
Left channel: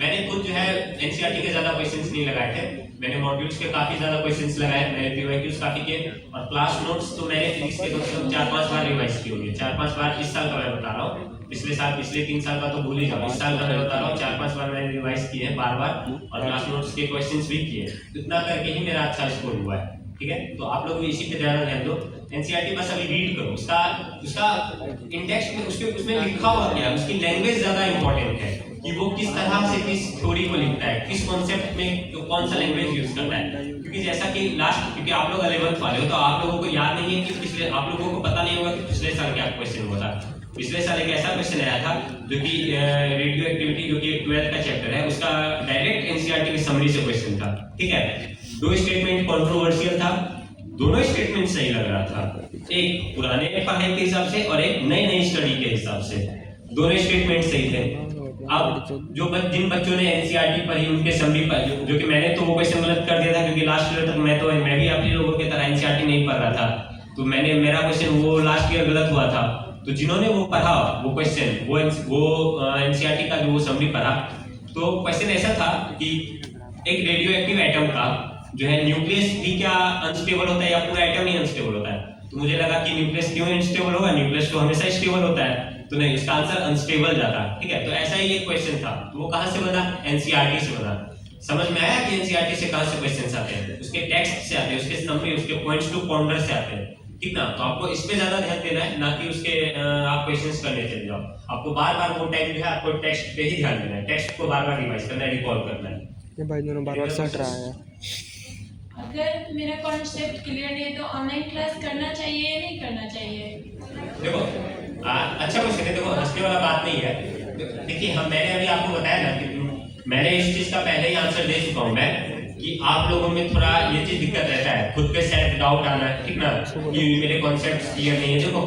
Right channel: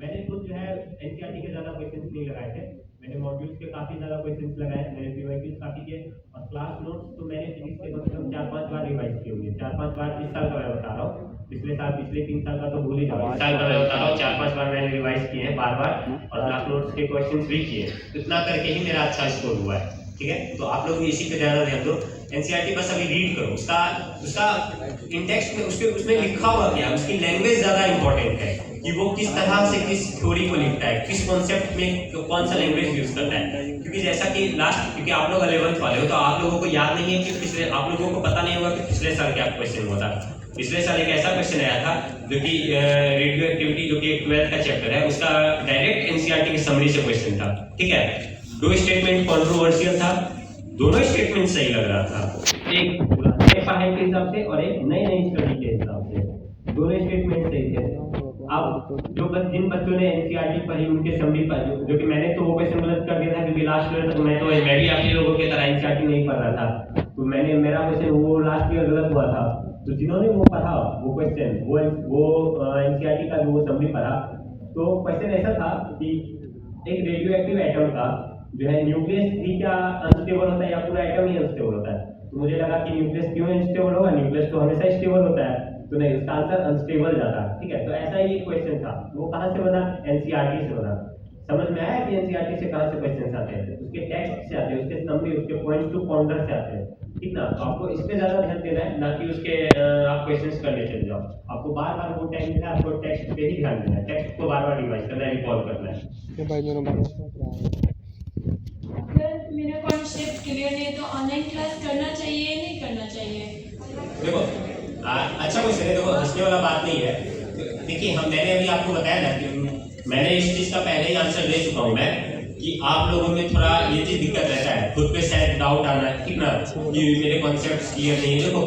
मैंने खुद जो है एनसीईआरटी के ज्यादा क्वेश्चंस नहीं लगाए थे, मैंने मॉड्यूल्स के काफी ज्यादा क्वेश्चंस लगाए, मैंने पीवाईक्यूज काफी किए, और क्लास नोट्स तो मैंने फिजिक्स के कम से कम 4-5 बार रिवाइज किए होंगे। 4-5 बार इस साल का मैं बता रहा हूँ, पिछले साल, पिछले 3 साल का तो भूल ही जाओ, इस साल का मैं बता रहा हूँ। 4-5 बार मैंने रिवाइज किए हैं बार-बार, और क्लास नोट्स के क्वेश्चंस भी किए। इतना करके ही मेरा अच्छा स्कोर हुआ है, ठीक है। तो आप लोग भी इसी पे ध्यान दो। एनसीईआरटी बस अभी रीड करो, उसका इंडेक्स में उसमें लिखा हुआ क्या है, उसकी लैंग्वेज ज्यादा इंपॉर्टेंट है कि वो किस तरह से किस थ्योरी को लिखता है, किस कॉन्सेप्ट में कौन सा लैंग्वेज यूज करता है। क्योंकि जैसा कि लास्ट, क्योंकि आप लोग 11th वाले हो, तो आप लोगों को याद नहीं है कि पिछले, आप लोगों को पता नहीं होगा कि पिछले साल क्या क्वेश्चन हुआ था। पिछले साल एक ऐसा क्वेश्चन आया था जो कि रेडियो एक्टिविटी, जो कि 12th का चैप्टर है, उसका डायरेक्ट एनसीईआरटी की समरी से क्वेश्चन था, ठीक है। 2 स्टेटमेंट कंट्रोवर्शियल था, दोनों स्टेटमेंट सही लग रहा था, एक पुराने पढ़ाई के हिसाब से और एक नई स्टडी के हिसाब से, दोनों स्टेटमेंट सही थे। अब जिन बच्चों ने एनसीईआरटी पढ़ी उनके समरी पर, जो कि मैंने तो वो क्वेश्चन गलत कर दिया था, क्योंकि लास्ट ईयर तक मैं भी आप ही लोगों की तरह एनसीईआरटी नहीं पढ़ रहा था, तो मेरा क्वेश्चन वो लास्ट ईयर गलत हुआ था। तो जिन्होंने वो पढ़ा वो क्वेश्चन, वो एनसीईआरटी का जो समरी पढ़ा, तो क्वेश्चन ऐसा था कि एक रेडियो एक्टिव एटम का जो है न्यूक्लियस भी क्या अनस्टेबल होता है या पूरा एटम ही अनस्टेबल होता है। तो मुझे लगा कि न्यूक्लियस क्यों अनस्टेबल होगा, न्यूक्लियस तो हमेशा स्टेबल होता है, तो नहीं, इसका आंसर अनस्टेबल जाता, ठीक है। तो ऐसा ही एक क्वेश्चन था, तो वो कहां से बना, एनसीईआरटी से बना। समझ में आया कि एनसीईआरटी से कहां से क्वेश्चंस आते हैं, उसके टेक्स्ट से आते हैं, उसके समरी, उसके पॉइंट्स टू पॉन्डर से आते हैं, ठीक ना। तो आपको इस पे ज्यादा ध्यान देना है, ना कि उसके आप क्वेश्चंस करने चले जाओ। आपको बार-बार वो टाइम जो है आपको टेक्स्ट पे ही ध्यान देना है, टेक्स्ट को बार-बार रिवाइज करना है, रिकॉल करना है। ये भाई दोनों बराबर सट रहा है। अगर मेरा कॉन्सेप्ट क्लियर नहीं है तो ऑनलाइन क्लास करना चाहिए या नहीं करना चाहिए? देखो अच्छा क्वेश्चन है, देखो हंसने वाला बात नहीं है। देखिए मैंने अभी आपको बताया ना कि मैंने इस चीज का पहले ही आंसर दे चुका हूँ मैं, कि आप लोगों में थोड़ा ये चीज दिक्कत रहता है, खुद पे सेल्फ डाउट आना है, ठीक ना, कि मेरे कॉन्सेप्ट्स क्लियर नहीं है। देखो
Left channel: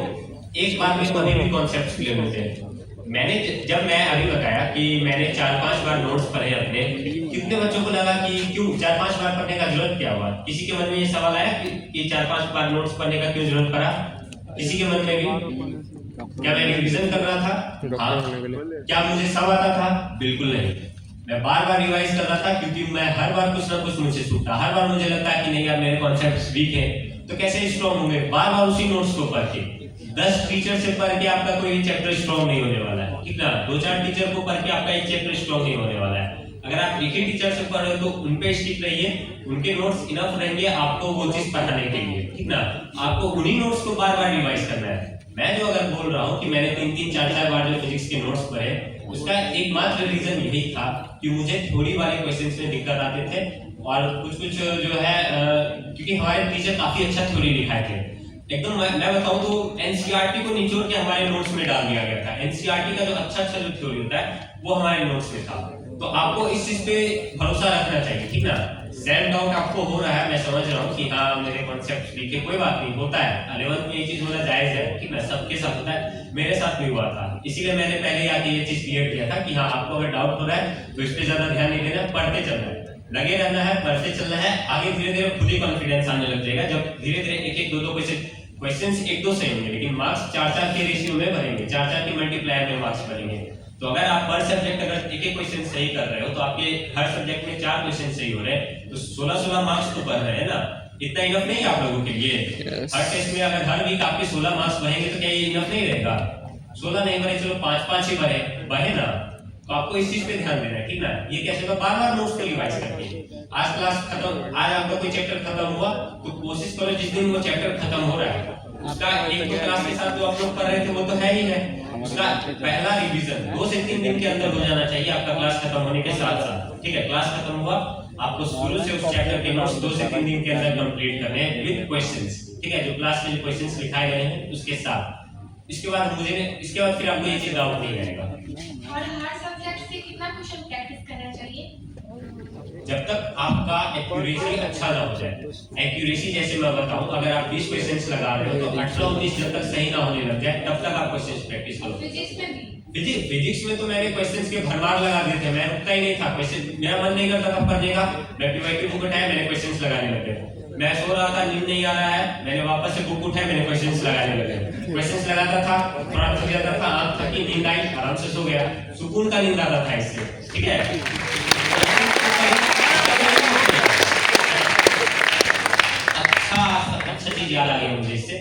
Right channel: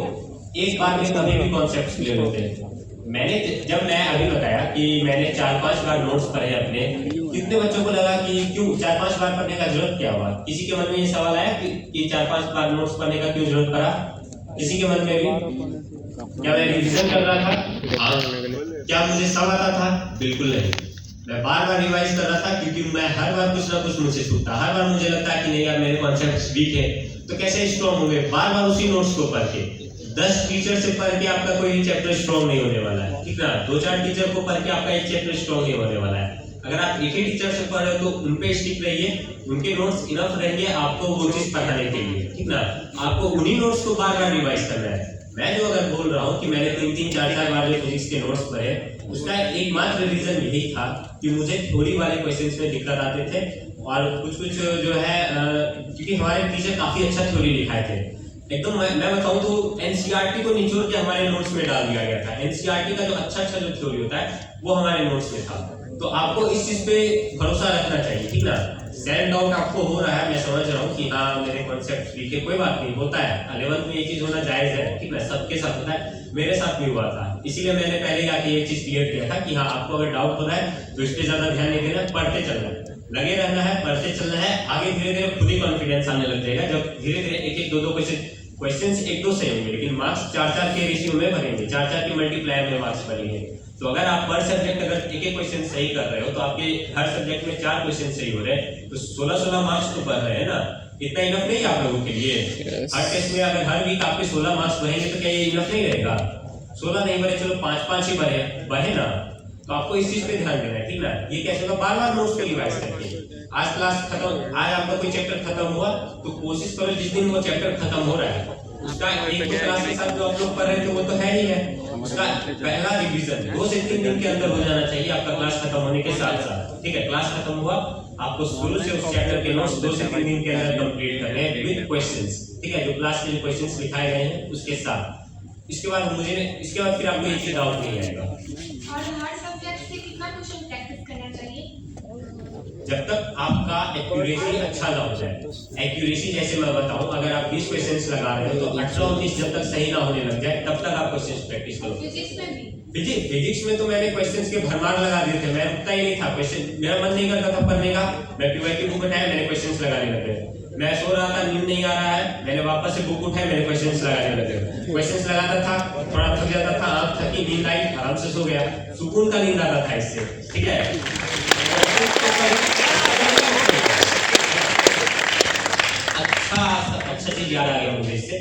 एक बार में कभी भी कॉन्सेप्ट्स क्लियर होते हैं। जब मैं अभी बताया कि मैंने 4-5 बार नोट्स पढ़े अपने, कितने बच्चों को लगा कि क्यों 4-5 बार पढ़ने का जरूरत क्या हुआ? किसी के मन में ये सवाल आया कि 4-5 बार नोट्स पढ़ने का क्यों जरूरत पड़ा? किसी के मन में भी? क्या मैं रिवीजन कर रहा था? हाँ। क्या मुझे सब आता था? बिल्कुल नहीं। मैं बार-बार रिवाइज कर रहा था, क्योंकि मैं हर बार कुछ ना कुछ मुझसे छूटता, हर बार मुझे लगता है कि नहीं यार मेरे कॉन्सेप्ट्स वीक है, तो कैसे स्ट्रॉन्ग होंगे? बार-बार उसी नोट्स को पढ़ के 10 टीचर से पढ़ के आपका कोई चैप्टर स्ट्रॉन्ग नहीं होने वाला है, ठीक ना। 2-4 टीचर को पढ़ के आपका एक चैप्टर स्ट्रॉन्ग नहीं होने वाला है। अगर आप एक ही टीचर से पढ़ रहे हो तो उन पे स्टिक रहिए, उनके नोट्स इनफ रहेंगे आपको वो चीज पढ़ाने के लिए, ठीक ना। आपको उन्हीं नोट्स को बार-बार रिवाइज करना है। मैं जो अगर बोल रहा हूँ कि मैंने 3-3, 4-4 बार जो फिजिक्स के नोट्स पढ़े, उसका एकमात्र रीजन यही था कि मुझे थोड़ी वाले क्वेश्चंस में दिक्कत आते थे, और कुछ जो है क्योंकि हमारे टीचर काफी अच्छा थ्योरी लिखाए थे एकदम। मैं बताऊं तो एनसीईआरटी को निचोड़ के हमारे नोट्स में डाल दिया गया था। एनसीईआरटी का जो अच्छा जो थ्योरी होता है वो हमारे नोट्स में था। तो आपको इस चीज पे भरोसा रखना चाहिए, ठीक ना। सेल्फ डाउट आपको हो रहा है, मैं समझ रहा हूँ कि हाँ मेरे कॉन्सेप्ट लिखे, कोई बात नहीं, होता है 11th में ये चीज होना जायज है, ठीक ना, सबके साथ होता है, मेरे साथ भी हुआ था। इसीलिए मैंने पहले ही आके ये चीज क्लियर किया था कि हाँ आपको अगर डाउट हो रहा है तो इस पे ज्यादा ध्यान नहीं देना, पढ़ते चलना। लगे रहना है, पढ़ते चलना है, आगे धीरे धीरे खुद ही कॉन्फिडेंस आने लग जाएगा। जब धीरे धीरे एक एक दो दो क्वेश्चंस एक दो सही होंगे, लेकिन मार्क्स 4-4 के रेशियो में भरेंगे, 4-4 के मल्टीप्लायर में मार्क्स भरेंगे। तो अगर आप पर सब्जेक्ट अगर एक एक क्वेश्चन सही कर रहे हो तो आपके हर सब्जेक्ट में 4 क्वेश्चन सही हो रहे हैं, तो 16 मार्क्स तो कर रहे हैं ना। इतना इनफ नहीं है आप लोगों के लिए? हर टेस्ट में अगर हर वीक आपके 16 मार्क्स बढ़ेंगे तो क्या ये इनफ नहीं रहेगा? 16 नहीं बढ़े, चलो 5-5 ही बढ़े ना। तो आपको इस चीज पे ध्यान देना है, ठीक ना। ये कैसे होगा, बार बार नोट्स को रिवाइज करके। आज क्लास खत्म, आज आपका कोई चैप्टर खत्म हुआ तो कोशिश करो जिस दिन वो चैप्टर खत्म हो रहा है उसका एक दो क्लास के साथ जो आप लोग कर रहे थे वो तो है ही है, उसका पहला रिवीजन 2 से 3 दिन के अंदर हो जाना चाहिए आपका क्लास खत्म होने के साथ साथ। ठीक है, क्लास खत्म हुआ, आपको शुरू से उस चैप्टर के नोट्स 2 से 3 दिन के अंदर कंप्लीट करने हैं विद क्वेश्चंस। ठीक है, जो क्लास में क्वेश्चंस लिखाए गए हैं उसके साथ। इसके बाद फिर आपको ये चीज डाउट नहीं आएगा। और हर सब्जेक्ट से कितना क्वेश्चन प्रैक्टिस करना चाहिए? जब तक आपका एक्यूरेसी अच्छा ना हो जाए। एक्यूरेसी जैसे मैं बताऊं, अगर आप 20 क्वेश्चंस लगा रहे हो तो 18-19 जब तक सही ना होने लग जाए तब तक आप क्वेश्चंस प्रैक्टिस करो। फिजिक्स में भी? फिजिक्स में तो मैंने क्वेश्चंस के भरमार लगा दिए थे, मैं रुकता ही नहीं था। क्वेश्चन मेरा मन नहीं करता था पढ़ने का, मैं पीवाईक्यू बुक उठाया, मैंने क्वेश्चंस लगाने लगे। मैं सो रहा था, नींद नहीं आ रहा है, मैंने वापस से बुक उठाई, मैंने क्वेश्चंस लगाने लगे। क्वेश्चंस लगाता था, थोड़ा थक जाता था, आंख थकी, नींद आई, आराम से सो गया, सुकून का नींद आता था इससे। ठीक है, अच्छा चीज याद आ गया मुझे इससे,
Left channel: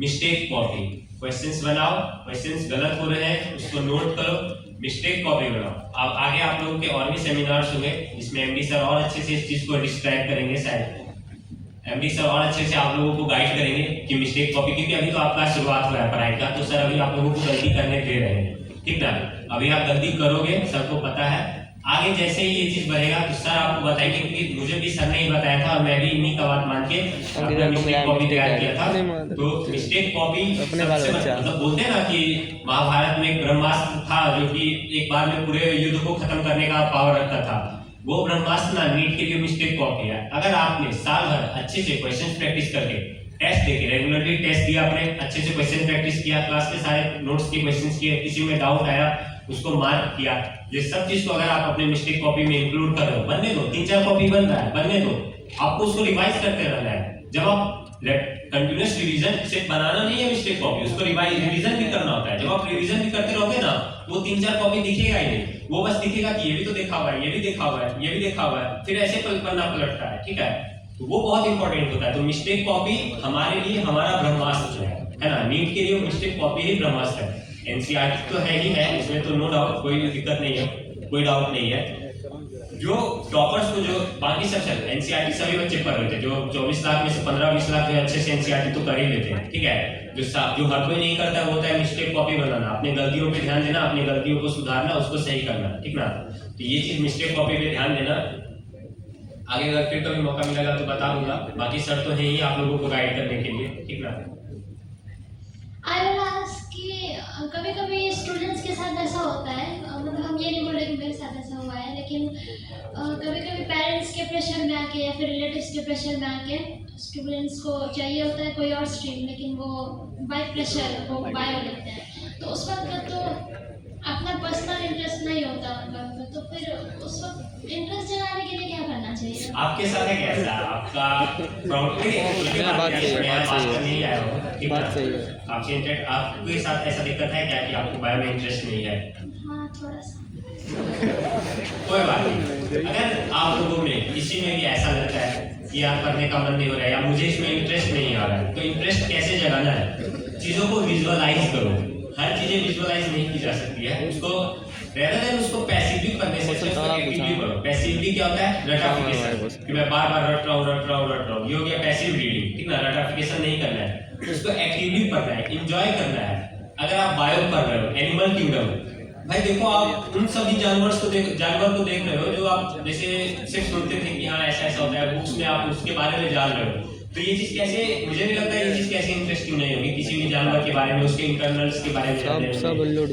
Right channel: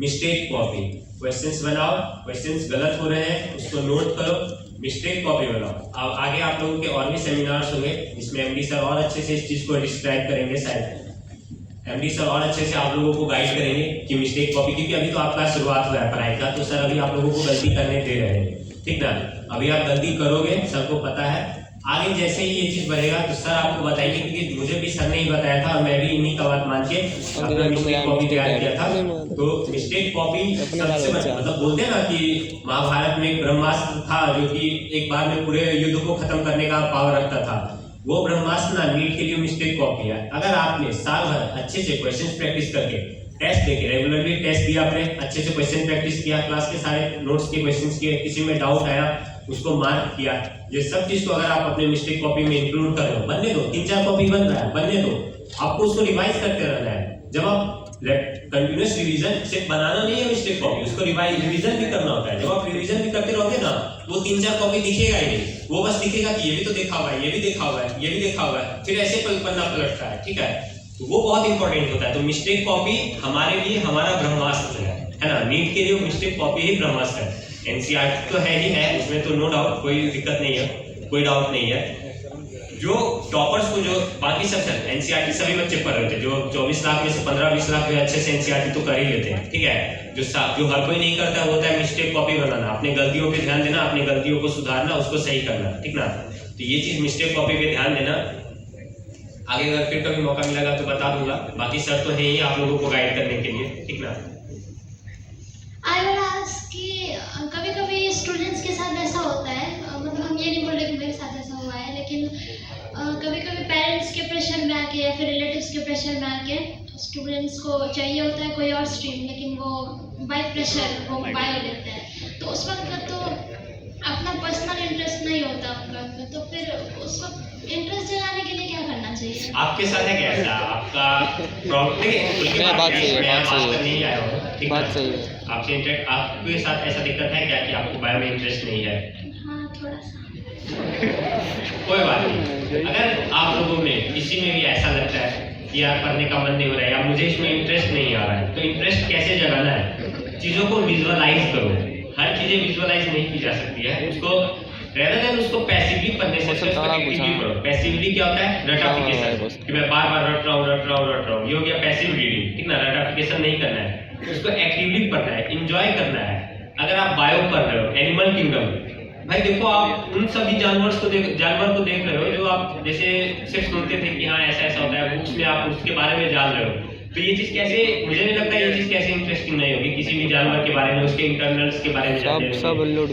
मिस्टेक कॉपी। क्वेश्चंस बनाओ, क्वेश्चंस गलत हो रहे हैं उसको नोट करो, मिस्टेक कॉपी बनाओ। अब आगे आप लोगों के और भी सेमिनार्स होंगे जिसमें एमडी सर और अच्छे से इस चीज को डिस्क्राइब करेंगे। शायद एमडी सर और अच्छे से आप लोगों को गाइड करेंगे कि मिस्टेक कॉपी, क्योंकि अभी तो आपका शुरुआत हुआ है पढ़ाई का, तो सर अभी आप लोगों को गलती करने दे रहे हैं। ठीक ना, अभी आप गलती करोगे, सबको पता है। आगे जैसे ही ये चीज बढ़ेगा तो सर आपको बताएंगे, क्योंकि मुझे भी सर ने ही बताया था और मैं भी इन्हीं का बात मान के अपना मिस्टेक कॉपी तैयार किया था। तो मिस्टेक कॉपी सबसे मतलब बोलते हैं ना कि महाभारत में एक ब्रह्मास्त्र था जो कि एक बार में पूरे युद्ध को खत्म करने का पावर रखता था। वो ब्रह्मास्त्र ना नीट के लिए मिस्टेक कॉपी है। अगर आपने साल भर अच्छे से क्वेश्चन प्रैक्टिस करके, टेस्ट देके, रेगुलरली टेस्ट दिया, आपने अच्छे से क्वेश्चन प्रैक्टिस किया, क्लास के सारे नोट्स के क्वेश्चंस किए, किसी में डाउट आया उसको मार्क किया, ये सब चीज को अगर आप अपने मिस्टेक कॉपी में इंक्लूड कर रहे हो, बनने दो, 3-4 कॉपी बन रहा है, बनने दो, आपको उसको रिवाइज करते रहना है। जब आप कंटिन्यूअस रिवीजन सिर्फ बनाना नहीं है मिस्टेक कॉपी, उसको रिवीजन भी करना होता है। जब आप रिवीजन भी करते रहोगे ना, वो 3-4 कॉपी दिखेगा ही नहीं, वो बस दिखेगा कि ये भी तो देखा हुआ है, ये भी देखा हुआ है, ये भी देखा हुआ है, फिर ऐसे पन्ना पलटता है। ठीक है, तो वो बहुत इंपॉर्टेंट होता है। तो मिस्टेक कॉपी हमारे लिए हमारा ब्रह्मास्त्र है ना। नीट के लिए मिस्टेक कॉपी ही ब्रह्मास्त्र है। एनसीईआरटी तो है ही है, उसमें तो नो डाउट, कोई दिक्कत नहीं है, कोई डाउट नहीं है। जो टॉपर्स को, जो बाकी सब एनसीईआरटी सभी बच्चे पढ़ रहे थे, जो 24 लाख में से 15-20 लाख में अच्छे से एनसीईआरटी तो कर ही लेते हैं। ठीक है, जो हर कोई नहीं करता वो होता है मिस्टेक कॉपी बनाना, अपनी गलतियों पे ध्यान देना, अपनी गलतियों को सुधारना, उसको सही करना। ठीक ना, तो ये चीज मिस्टेक कॉपी पे ध्यान देना। आगे अगर फिर कभी मौका मिलेगा तो बता दूंगा, बाकी सर तो है ही आप लोगों को गाइड करने के लिए। ठीक ना, कभी-कभी स्टूडेंट्स के साथ ऐसा होता है, मतलब हम ये नहीं बोल रहे कि मेरे साथ ऐसा हुआ है, लेकिन कभी-कभी पेरेंट्स के प्रेशर में आके या फिर रिलेटिव्स के प्रेशर में आके स्टूडेंट्स को चाहिए होता है कोई और स्ट्रीम, लेकिन वो बाय प्रेशर वो बायो लेते हैं। तो उस वक्त तो अपना पर्सनल इंटरेस्ट नहीं होता उनका, तो फिर उस वक्त इंटरेस्ट जगाने के लिए क्या करना चाहिए? आपके साथ है कैसा आपका प्रॉब्लम? बात सही है, बात सही है। आपके इंटरेस्ट, आपके साथ ऐसा दिक्कत है क्या कि आपको बायो में इंटरेस्ट नहीं है? हाँ, थोड़ा सा। कोई बात नहीं। अगर आप लोगों में किसी में भी ऐसा लगता है कि यार पढ़ने का मन नहीं हो रहा है या मुझे इसमें इंटरेस्ट नहीं आ रहा है, तो इंटरेस्ट कैसे जगाना है? चीजों को विजुअलाइज करो। हर चीजें विजुअलाइज नहीं की जा सकती है, उसको rather than उसको पैसिवली करने से उसको एक्टिवली पढ़ो। पैसिवली क्या होता है? रटाफिकेशन, कि मैं बार-बार रट रहा हूँ, ये हो गया पैसिव रीडिंग। ठीक ना, रटाफिकेशन नहीं करना है, उसको एक्टिवली पढ़ना है, एंजॉय करना है। अगर आप बायो कर रहे हो, एनिमल किंगडम, भाई देखो आप उन सभी जानवर को देख रहे हो जो आप जैसे सिर्फ सुनते थे कि हाँ ऐसा ऐसा होता है, बुक्स में आप उसके बारे में जान रहे हो। तो ये चीज कैसे, मुझे नहीं लगता ये चीज कैसे इंटरेस्टिंग नहीं होगी किसी भी जानवर के बारे में, उसके इंटरनल्स के बारे में जानने के लिए, सब लोड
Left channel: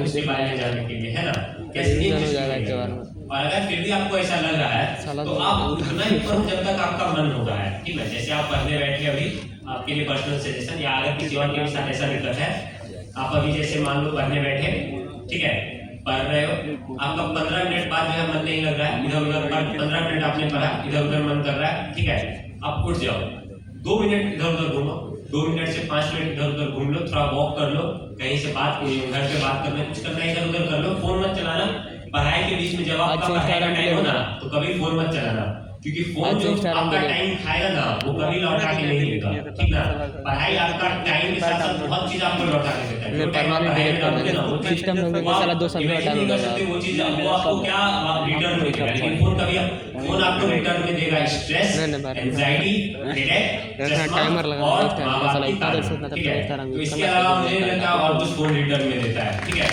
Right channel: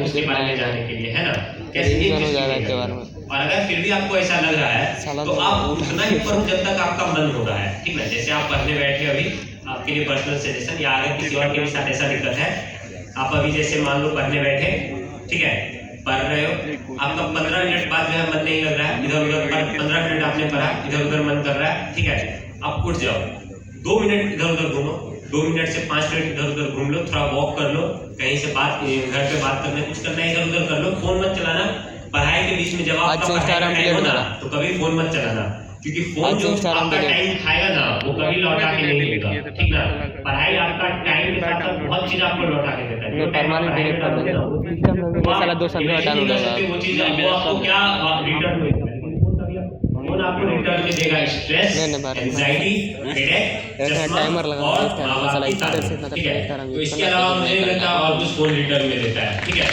उसके बारे में जानने के लिए, है ना, कैसे के बारे में। और अगर फिर भी आपको ऐसा लग रहा है तो आप उतना ही पढ़ो जब तक आपका मन हो रहा है। ठीक है, जैसे आप पढ़ने बैठे अभी, आपके लिए पर्सनल सजेशन, या अगर किसी और के भी साथ ऐसा दिक्कत है, आप अभी जैसे मान लो पढ़ने बैठे, ठीक है, पढ़ रहे हो, आपका 15 मिनट बाद जो है मन नहीं लग रहा है, इधर उधर 15 मिनट आपने पढ़ा, इधर उधर मन कर रहा है, ठीक है, आप उठ जाओ, 2 मिनट इधर उधर घूमो, 2 मिनट से 5 मिनट इधर उधर घूम लो, थोड़ा वॉक कर लो, कहीं से बात घर पे बात करना, कुछ करना इधर उधर कर लो, फोन मत चलाना। पढ़ाई के बीच में जब आपका पढ़ाई का टाइम हो ना तो कभी फोन मत चलाना, क्योंकि फोन जो आपका टाइम खाएगा ना वो कभी लौटा के नहीं देगा, ठीक ना। पढ़ाई आपका टाइम के साथ साथ बहुत चीज आपको लौटा के देता है। जो टाइम आप पढ़ाई में डालोगे ना वो चीज साला 2 साल में डाल देगा, वो चीज आपको क्या रिटर्न में देगा, लेकिन फोन कभी फोन आपको रिटर्न में देगा स्ट्रेस, एंजाइटी, हेडेक, टाइमर लगा और माँ-बाप की तारीफ, ठीक है। तो इसके अलावा मुझे नहीं लगता और कुछ फोन रिटर्न में देता है, ठीक है।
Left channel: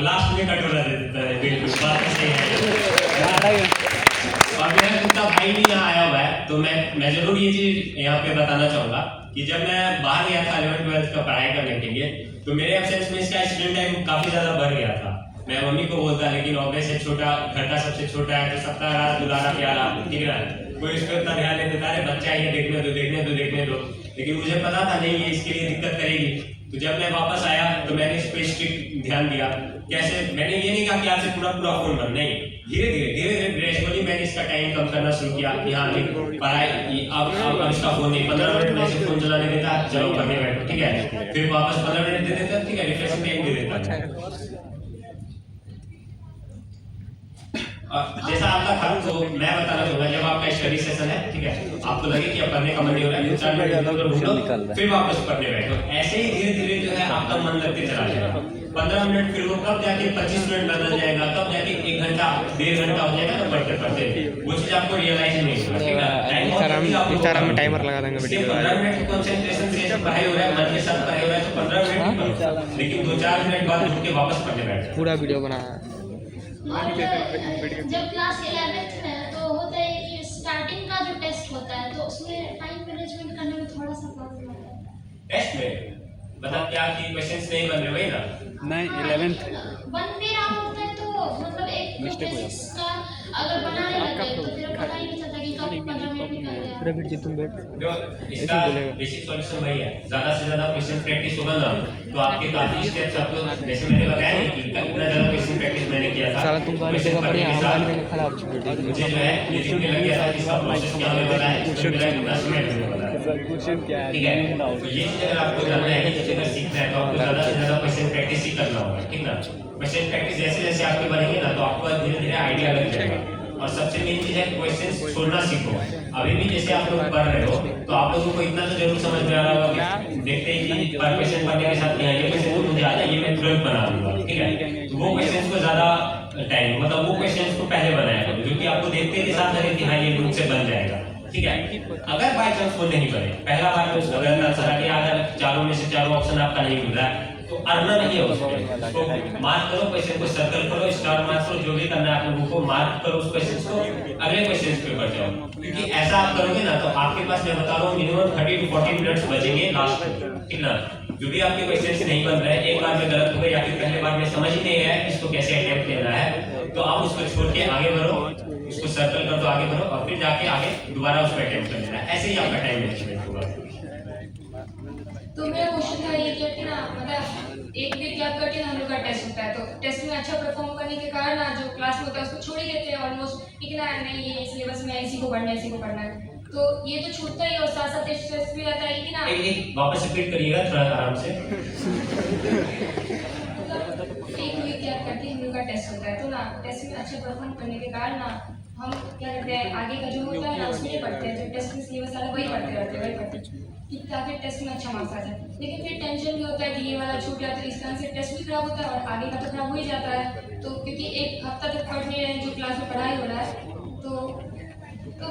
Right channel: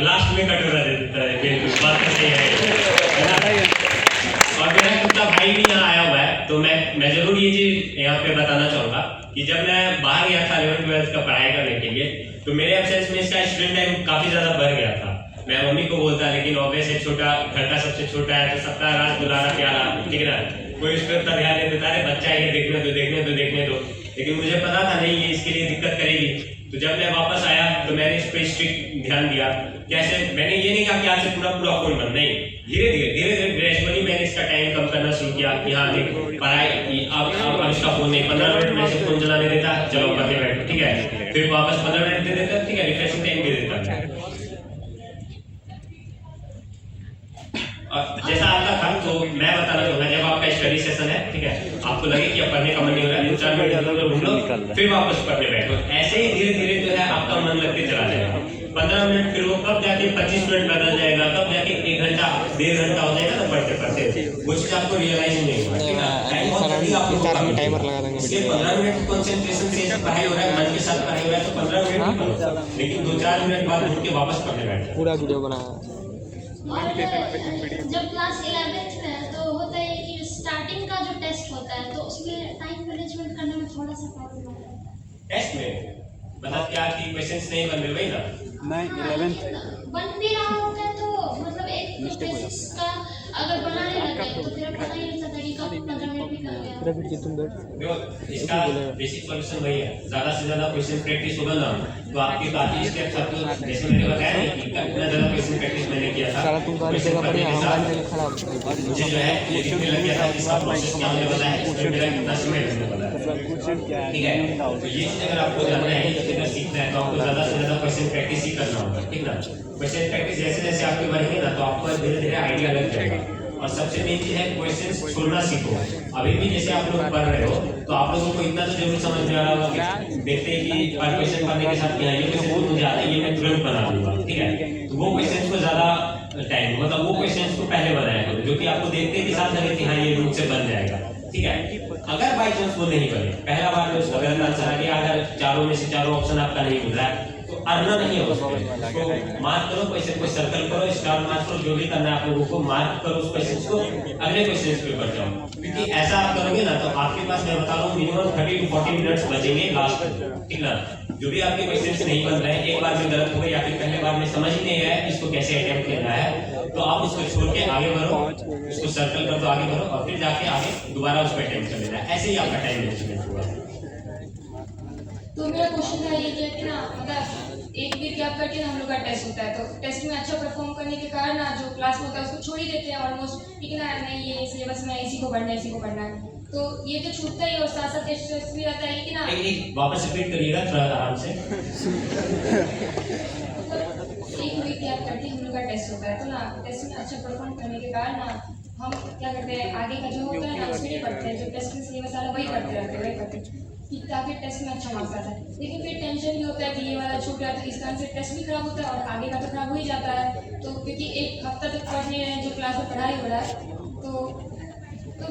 लास्ट में कटोरा दे देता है, बिल्कुल बात तो सही है। और मेरा खुद का भाई भी यहाँ आया हुआ है, तो मैं जरूर ये चीज यहाँ पे बताना चाहूंगा कि जब मैं बाहर गया था 11th-12th का पढ़ाई करने के लिए, तो मेरे एब्सेंस में इसका स्क्रीन टाइम काफी ज्यादा बढ़ गया था। मैं मम्मी को बोलता, लेकिन ऑब्वियस है छोटा, घर का सबसे छोटा है, तो सप्ताह रात बुलाना प्यारा, ठीक है, कोई इस पर ध्यान नहीं देता है, बच्चा ये देखने दो। लेकिन मुझे पता था नहीं ये इसके लिए दिक्कत करेगी, तो जब मैं वापस आया तो मैंने इस पर स्ट्रिक्ट ध्यान दिया। कैसे? मैंने ये नहीं कहा कि आज से पूरा फोन बंद, नहीं, धीरे धीरे ग्रेजुअली मैंने इसका टाइम कम करना शुरू किया कि हाँ पढ़ाई अब इसका फोन नहीं, 15 मिनट में से फोन चलाने देता, चलो पढ़ने बैठो, ठीक है, फिर वापस 15 मिनट दे देता, ठीक है, रिफ्रेशिंग टाइम दे देता। जैसा आपका था तो मैं बताना चाहूंगा, जब आपका स्टडी सेशन है, ठीक है, आपको लगे कि अब पढ़ने का मन नहीं हो रहा है, 2-4 मिनट इधर उधर घूम लो, फिर वापस पढ़ने बैठो। ऐसे ही धीरे धीरे जो है आपका मन लगते चला जाएगा। 15 मिनट फिर वो कब जाके 25 मिनट बदल जाएगा, कब जाके 1 घंटा 1.5 घंटा हो जाएगा ना पढ़ते वो चीज आपको रियलाइज नहीं होगा, ठीक है। टाइमर लगा देंगे, 15 मिनट कंसंट्रेशन से पढ़ाई हो रहा है, मन के साथ पढ़ाई हो रहा है, तो 15 मिनट, लेकिन 2-4 मिनट बाद उठ के वापस पढ़ने बैठो। पूरा वीडियो बनाया। और जब क्लास 11th में है तो होता है कि स्टार्टिंग का जो टेस्ट होता है तो उसमें टाइम मैनेजमेंट करने में थोड़ा सा प्रॉब्लम आता है। टेस्ट में मतलब क्या कि क्वेश्चंस नहीं बन रहे वही ना? नहीं, 11th बन भी रहा होता है तो मतलब एक क्वेश्चंस का अगर बनाने लगे तो फिर पता ही नहीं चलता कि कब 15 मिनट निकल गया। पूरा वीडियो तुम बैठ जो इसका बेसिक सॉल्यूशन वही है, ज्यादा से ज्यादा क्वेश्चन प्रैक्टिस होगा ना तो आपके काफी स्टेप्स आपको, जैसे मैंने बताया नहीं कि उतना ज्यादा क्वेश्चन प्रैक्टिस मैंने किया था, सारा तुमको और जगह पर हम खराब मुझे जो है ये दिखने लग गया था कि सब प्रोसेस क्या होने वाला है, उसमें मेरा कितना समय लगने वाला है, ठीक है। तो ये चीज अगर आपको जानना है, ये चीज अगर सीखना है तो आपको ज्यादा से ज्यादा क्वेश्चन प्रैक्टिस ही करना होगा, ठीक ना। क्वेश्चन प्रैक्टिस जैसे जैसे आपके बढ़ेंगे ना तो आपको धीरे धीरे आइडिया लग जाएगा। और सबसे मेन चीज है क्वेश्चंस छोड़ना सीखो। अभी भी जैसे आप लोग पढ़ रहे हो तो आप लोगों को इतना तो जरूर समझ में आ रहा होगा कि देखते हैं कि पर क्वेश्चन पढ़ने के साथ यहाँ ये क्वेश्चन मुझे आता है, ये मैं तुरंत बना दूंगा, ठीक है। तो वो क्वेश्चन को ज्यादा टाइम, मतलब वो क्वेश्चन को पहले बनाया करो जो कि आपको देखते के साथ लगे कि हाँ ये मुझसे बन जाएगा, ठीक है। अगर बाई चांस वो नहीं बने, पहला बार में अगर आंसर आ गया, अगर चारों में से चारों ऑप्शन आपका नहीं मिल रहा है तो अड़ना नहीं है उसको, तो मार्क करो, क्वेश्चन को सर्कल करो, स्टार मार्क करो, जो भी करना है आप लोगों को मार्क करो उस क्वेश्चन को, अगले क्वेश्चन पे बढ़ जाओ। क्योंकि ऐसा आप करोगे ना तो आपके पास मैं बता रहा हूँ मिनिमम 30 to 40 मिनट्स बचेंगे लास्ट, ठीक ना। जो भी आपके क्वेश्चन नहीं बन रहे हैं, एक बार में गलत हो गए या फिर पहले बार में समझ ही नहीं आया इसको कैसे अटेम्प्ट करना है, तो आप उसको छोड़ के आगे बढ़ो, उसको सर्कल कर दो, आगे बढ़ो और फिर जाके आगे दोबारा उसको अटेम्प्ट कर लेना है। ऐसे ही आपका टाइम मैनेजमेंट होगा। तो मेरा क्वेश्चन था ये कि ना अगर एक वीक गैप करके हम लोग का टेस्ट होता है तो टेस्ट में अच्छा परफॉर्म करने के कारण ना जो क्लास में होता है उसको छोड़ ही देते हैं ऑलमोस्ट, ठीक है ना, नहीं ये सिलेबस में इसी को पढ़ना है, इसी को पढ़ना है, तो ये तो छूटता ही और साथ साथ स्ट्रेस भी रहता है कि ना। एक वापस रिपीट करिएगा थोड़ा आराम से। एक वीक गैप करके हम लोग का टेस्ट होता है तो ना टेस्ट में अच्छा परफॉर्म करने के कारण ना हम क्या करते हैं आगे का जो होता है ना उसमें नहीं पढ़ते हैं, जो टेस्ट में सिलेबस वाला वही पढ़ते रहते हैं, वही पढ़ते ताकि टेस्ट में अच्छा मार्क्स आ जाए। लेकिन फिर टेंशन भी होता है कि ये वाला छूट गया तो इस कारण से टेस्ट भी खराब होता है और आगे का तो खराब हो ही जाता है। तो क्योंकि एक हफ्ता तक पढ़ नहीं रहे जो क्लास में पढ़ाई हो रहा है तो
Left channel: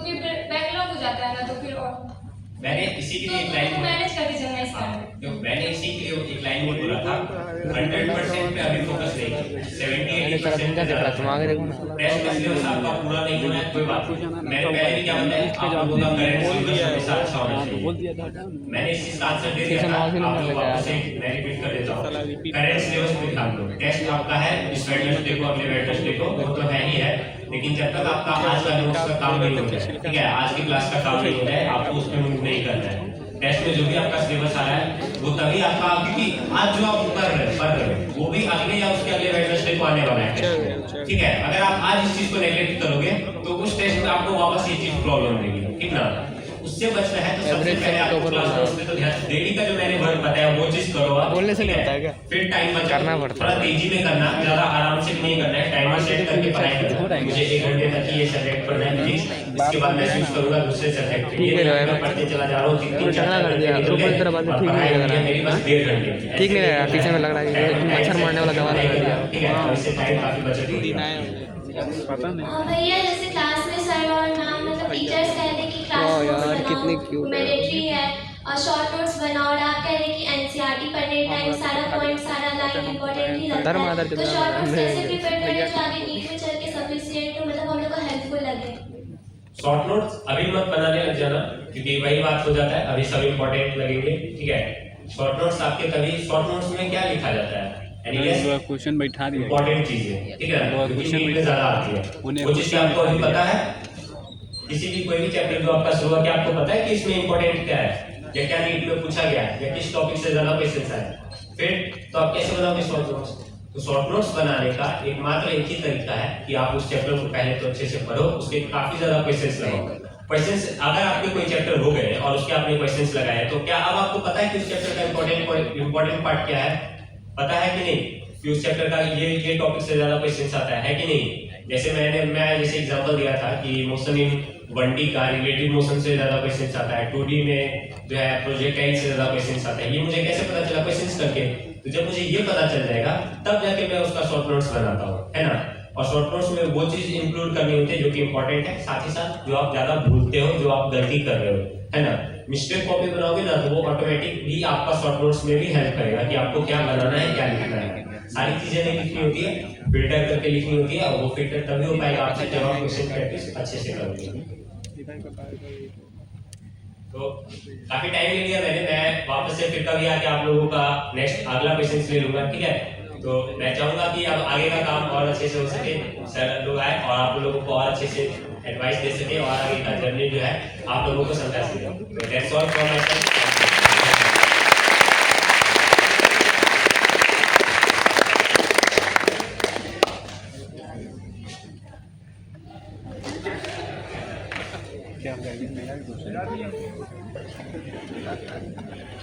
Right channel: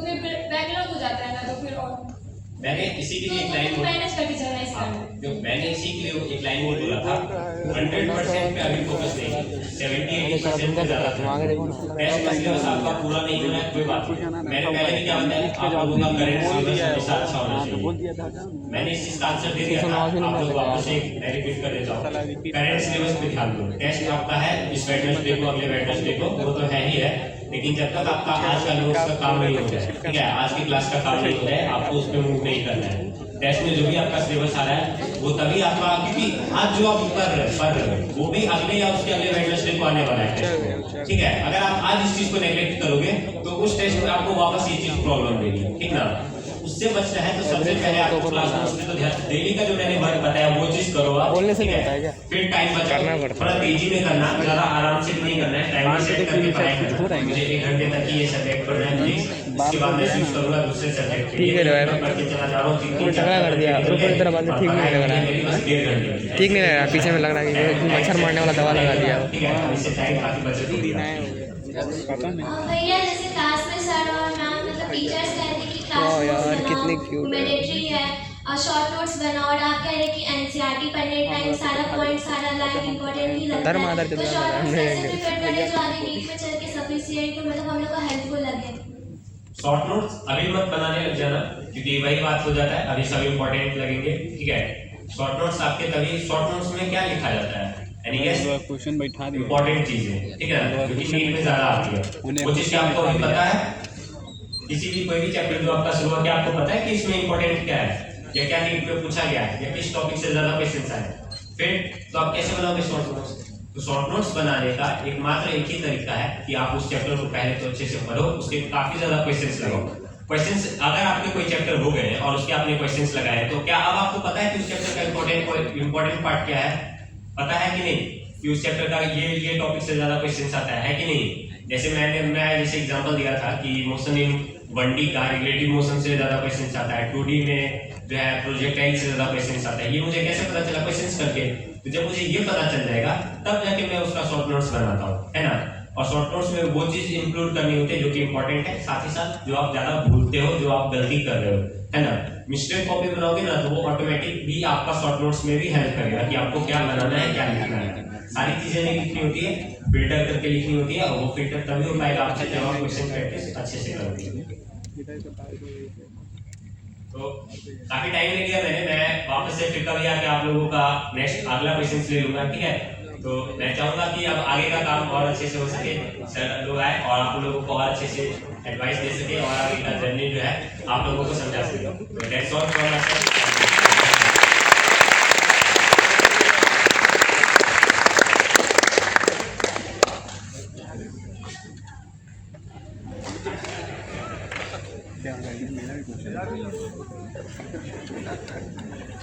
फिर बैकलॉग हो जाता है ना, तो फिर और मैंने इसी के लिए एक लाइन मैनेज करके चलना इस कारण जो मैंने इसी के लिए एक लाइन बोला था 100% पे अभी फोकस नहीं, 70-80% पे ज्यादा टेस्ट का सिलेबस आपका पूरा नहीं हो रहा है कोई बात नहीं। मैंने पहले भी क्या बताया आप लोगों का करंट सिलेबस हमेशा अच्छा होना चाहिए, मैंने इस चीज का आंसर दे दिया था। आप लोग वापस से मैं रिपीट कर देता हूँ, करंट सिलेबस पे ध्यान दो। टेस्ट आपका है इस वेडनेसडे को, अगले वेडनेसडे को, वो तो है ही है, लेकिन जब तक आपका आज का नोट्स का काम नहीं हो रहा है, ठीक है, आज की क्लास का काम नहीं हो रहा है, आपको उस पर मूव नहीं करना है। टेस्ट में जो भी आपका सिलेबस आ रहा है वो तभी आपका, क्योंकि आज जो आप पढ़ रहे हो वो भी अगले या उसके अगले वेडनेसडे को आने वाला है, ठीक है। अगर आप आज इस चीज को नेगलेक्ट करोगे तो उस टेस्ट में आपको वापस ये चीज प्रॉब्लम देगी, ठीक ना। उससे बचना है तो सबसे पहले आपको क्लास नोट्स में तो ध्यान, डेली का जो मैंने वर्क बताया वो चीज करो आप, बोलने से ठीक नहीं होता है है। क्या? फिर टाइम करना बचाओ, पड़ता है। थोड़ा तेजी में करना, ज्यादा आराम से नहीं करना है, टाइम सेट करके पढ़ाई करना। मुझे 1 घंटे तक ये सब्जेक्ट पढ़ना है प्लीज, इसके बाद मैं स्विच करूंगा दूसरे सब्जेक्ट के ठीक है लिए। भाई। मैं पढ़ते चला जा रहा हूं, वो टकरा कर दिया, ऊपर की तरफ आते ठीक नहीं लग रहा है। मेरी बस 1.5 घंटे ठीक नहीं लग रहा, पीछे में लग रहा है कि मच्छर मारने वाला दवा लगा दिया। ठीक है, और इससे टाइम काफी बचत होगी। भैया जैसे क्लास में सर और मैम मतलब टीचर्स कहते हैं कि क्लास वाह यार, नोट्स कितनी बनाओ, cute है। मैंडेटरी है, और शॉर्ट नोट्स बनाओ, और आप कह रहे हैं कि एनसीईआरटी पढ़ने टाइम सारा पॉइंट सारा लाइन इंपॉर्टेंट ही लगता धर्म है, आधार तो चंद्रमा शॉर्ट नोट्स हमने कैसे प्रिपेयर करें जो आगे नीट में चल के सफिशिएंट मतलब हम लोग को हेल्पफुल लगे। शॉर्ट नोट्स अभी मत बनाने लग जाना, क्योंकि वही बात हो जाता है, अभी सब इंपॉर्टेंट लगेंगे, ठीक है। शॉर्ट नोट्स आपके तभी, शॉर्ट नोट्स में क्या लिखा जाता है, क्वेश्चन बैठा दिया। इंपॉर्टेंट चीजें, ठीक है ना, क्योंकि नीट में ज्यादा आती है वो चीज आपको अभी पता है। किसी भी कोई भी चैप्टर जो आपका शुरू हुआ, क्या आपको पता है कि इसमें इंपॉर्टेंट क्या है, या क्या नीट में पूछा गया है, या किस टॉपिक से ज्यादा क्वेश्चंस आए, फिर तो आप कैसे बनाओगे शॉर्ट नोट्स। तो शॉर्ट नोट्स बनाने का एकमात्र एक ही तरीका है कि आप उस चैप्टर को पहले तो अच्छे से पढ़ो, उसके काफी ज्यादा क्वेश्चंस लगाओ। क्वेश्चंस अगर आपके कोई चैप्टर हो गए और उसके आपने क्वेश्चंस लगाए, तो क्या अब आपको पता है कि उस चैप्टर का इंपॉर्टेंट पार्ट क्या है, पता है कि नहीं, कि उस चैप्टर का ये टॉपिक से ज्यादा क्वेश्चंस आता है कि नहीं। जैसे मैं जैसे एग्जांपल दिया था कि मोशन इन 1D का रिलेटिव मोशन से ज्यादा क्वेश्चंस आता है, 2D में जो है प्रोजेक्टाइल से ज्यादा क्वेश्चंस आता है। ये मुझे कैसे पता चला क्वेश्चंस करके, तो जब मुझे ये पता चल जाएगा तब जाके मैं उसका शॉर्ट नोट्स बनाता हूँ, है ना। और शॉर्ट नोट्स में वो चीज इंक्लूड करनी होती है जो कि इंपॉर्टेंट है, साथ ही साथ जो आप ज्यादा भूलते हो, जो आप गलती कर रहे हो, है ना। मिस्टेक कॉपी बनाओगे ना तो वो ऑटोमेटिक भी आपका शॉर्ट नोट्स में भी हेल्प करेगा कि आपको क्या बनाना है, क्या लिखना है। सारी चीजें नहीं लिखनी होती है, फिल्टर करके लिखनी होती है, और वो फिल्टर तभी हो पाएगा आपसे जब आप क्वेश्चन प्रैक्टिस अच्छे से करोगे। तो काफी टाइम ले लिया मैं वापस से फिर कभी आके आप लोगों का नेक्स्ट अगला क्वेश्चन ले लूंगा, ठीक है। तो मैं चाहूंगा कि अब आगे का काम और अच्छे से हो सके, सर लोग आए और आप लोगों को और अच्छे से एडवाइस दे सके, और आगे का जर्नी जो है आप लोगों को समझा सके। तो that's all from my side.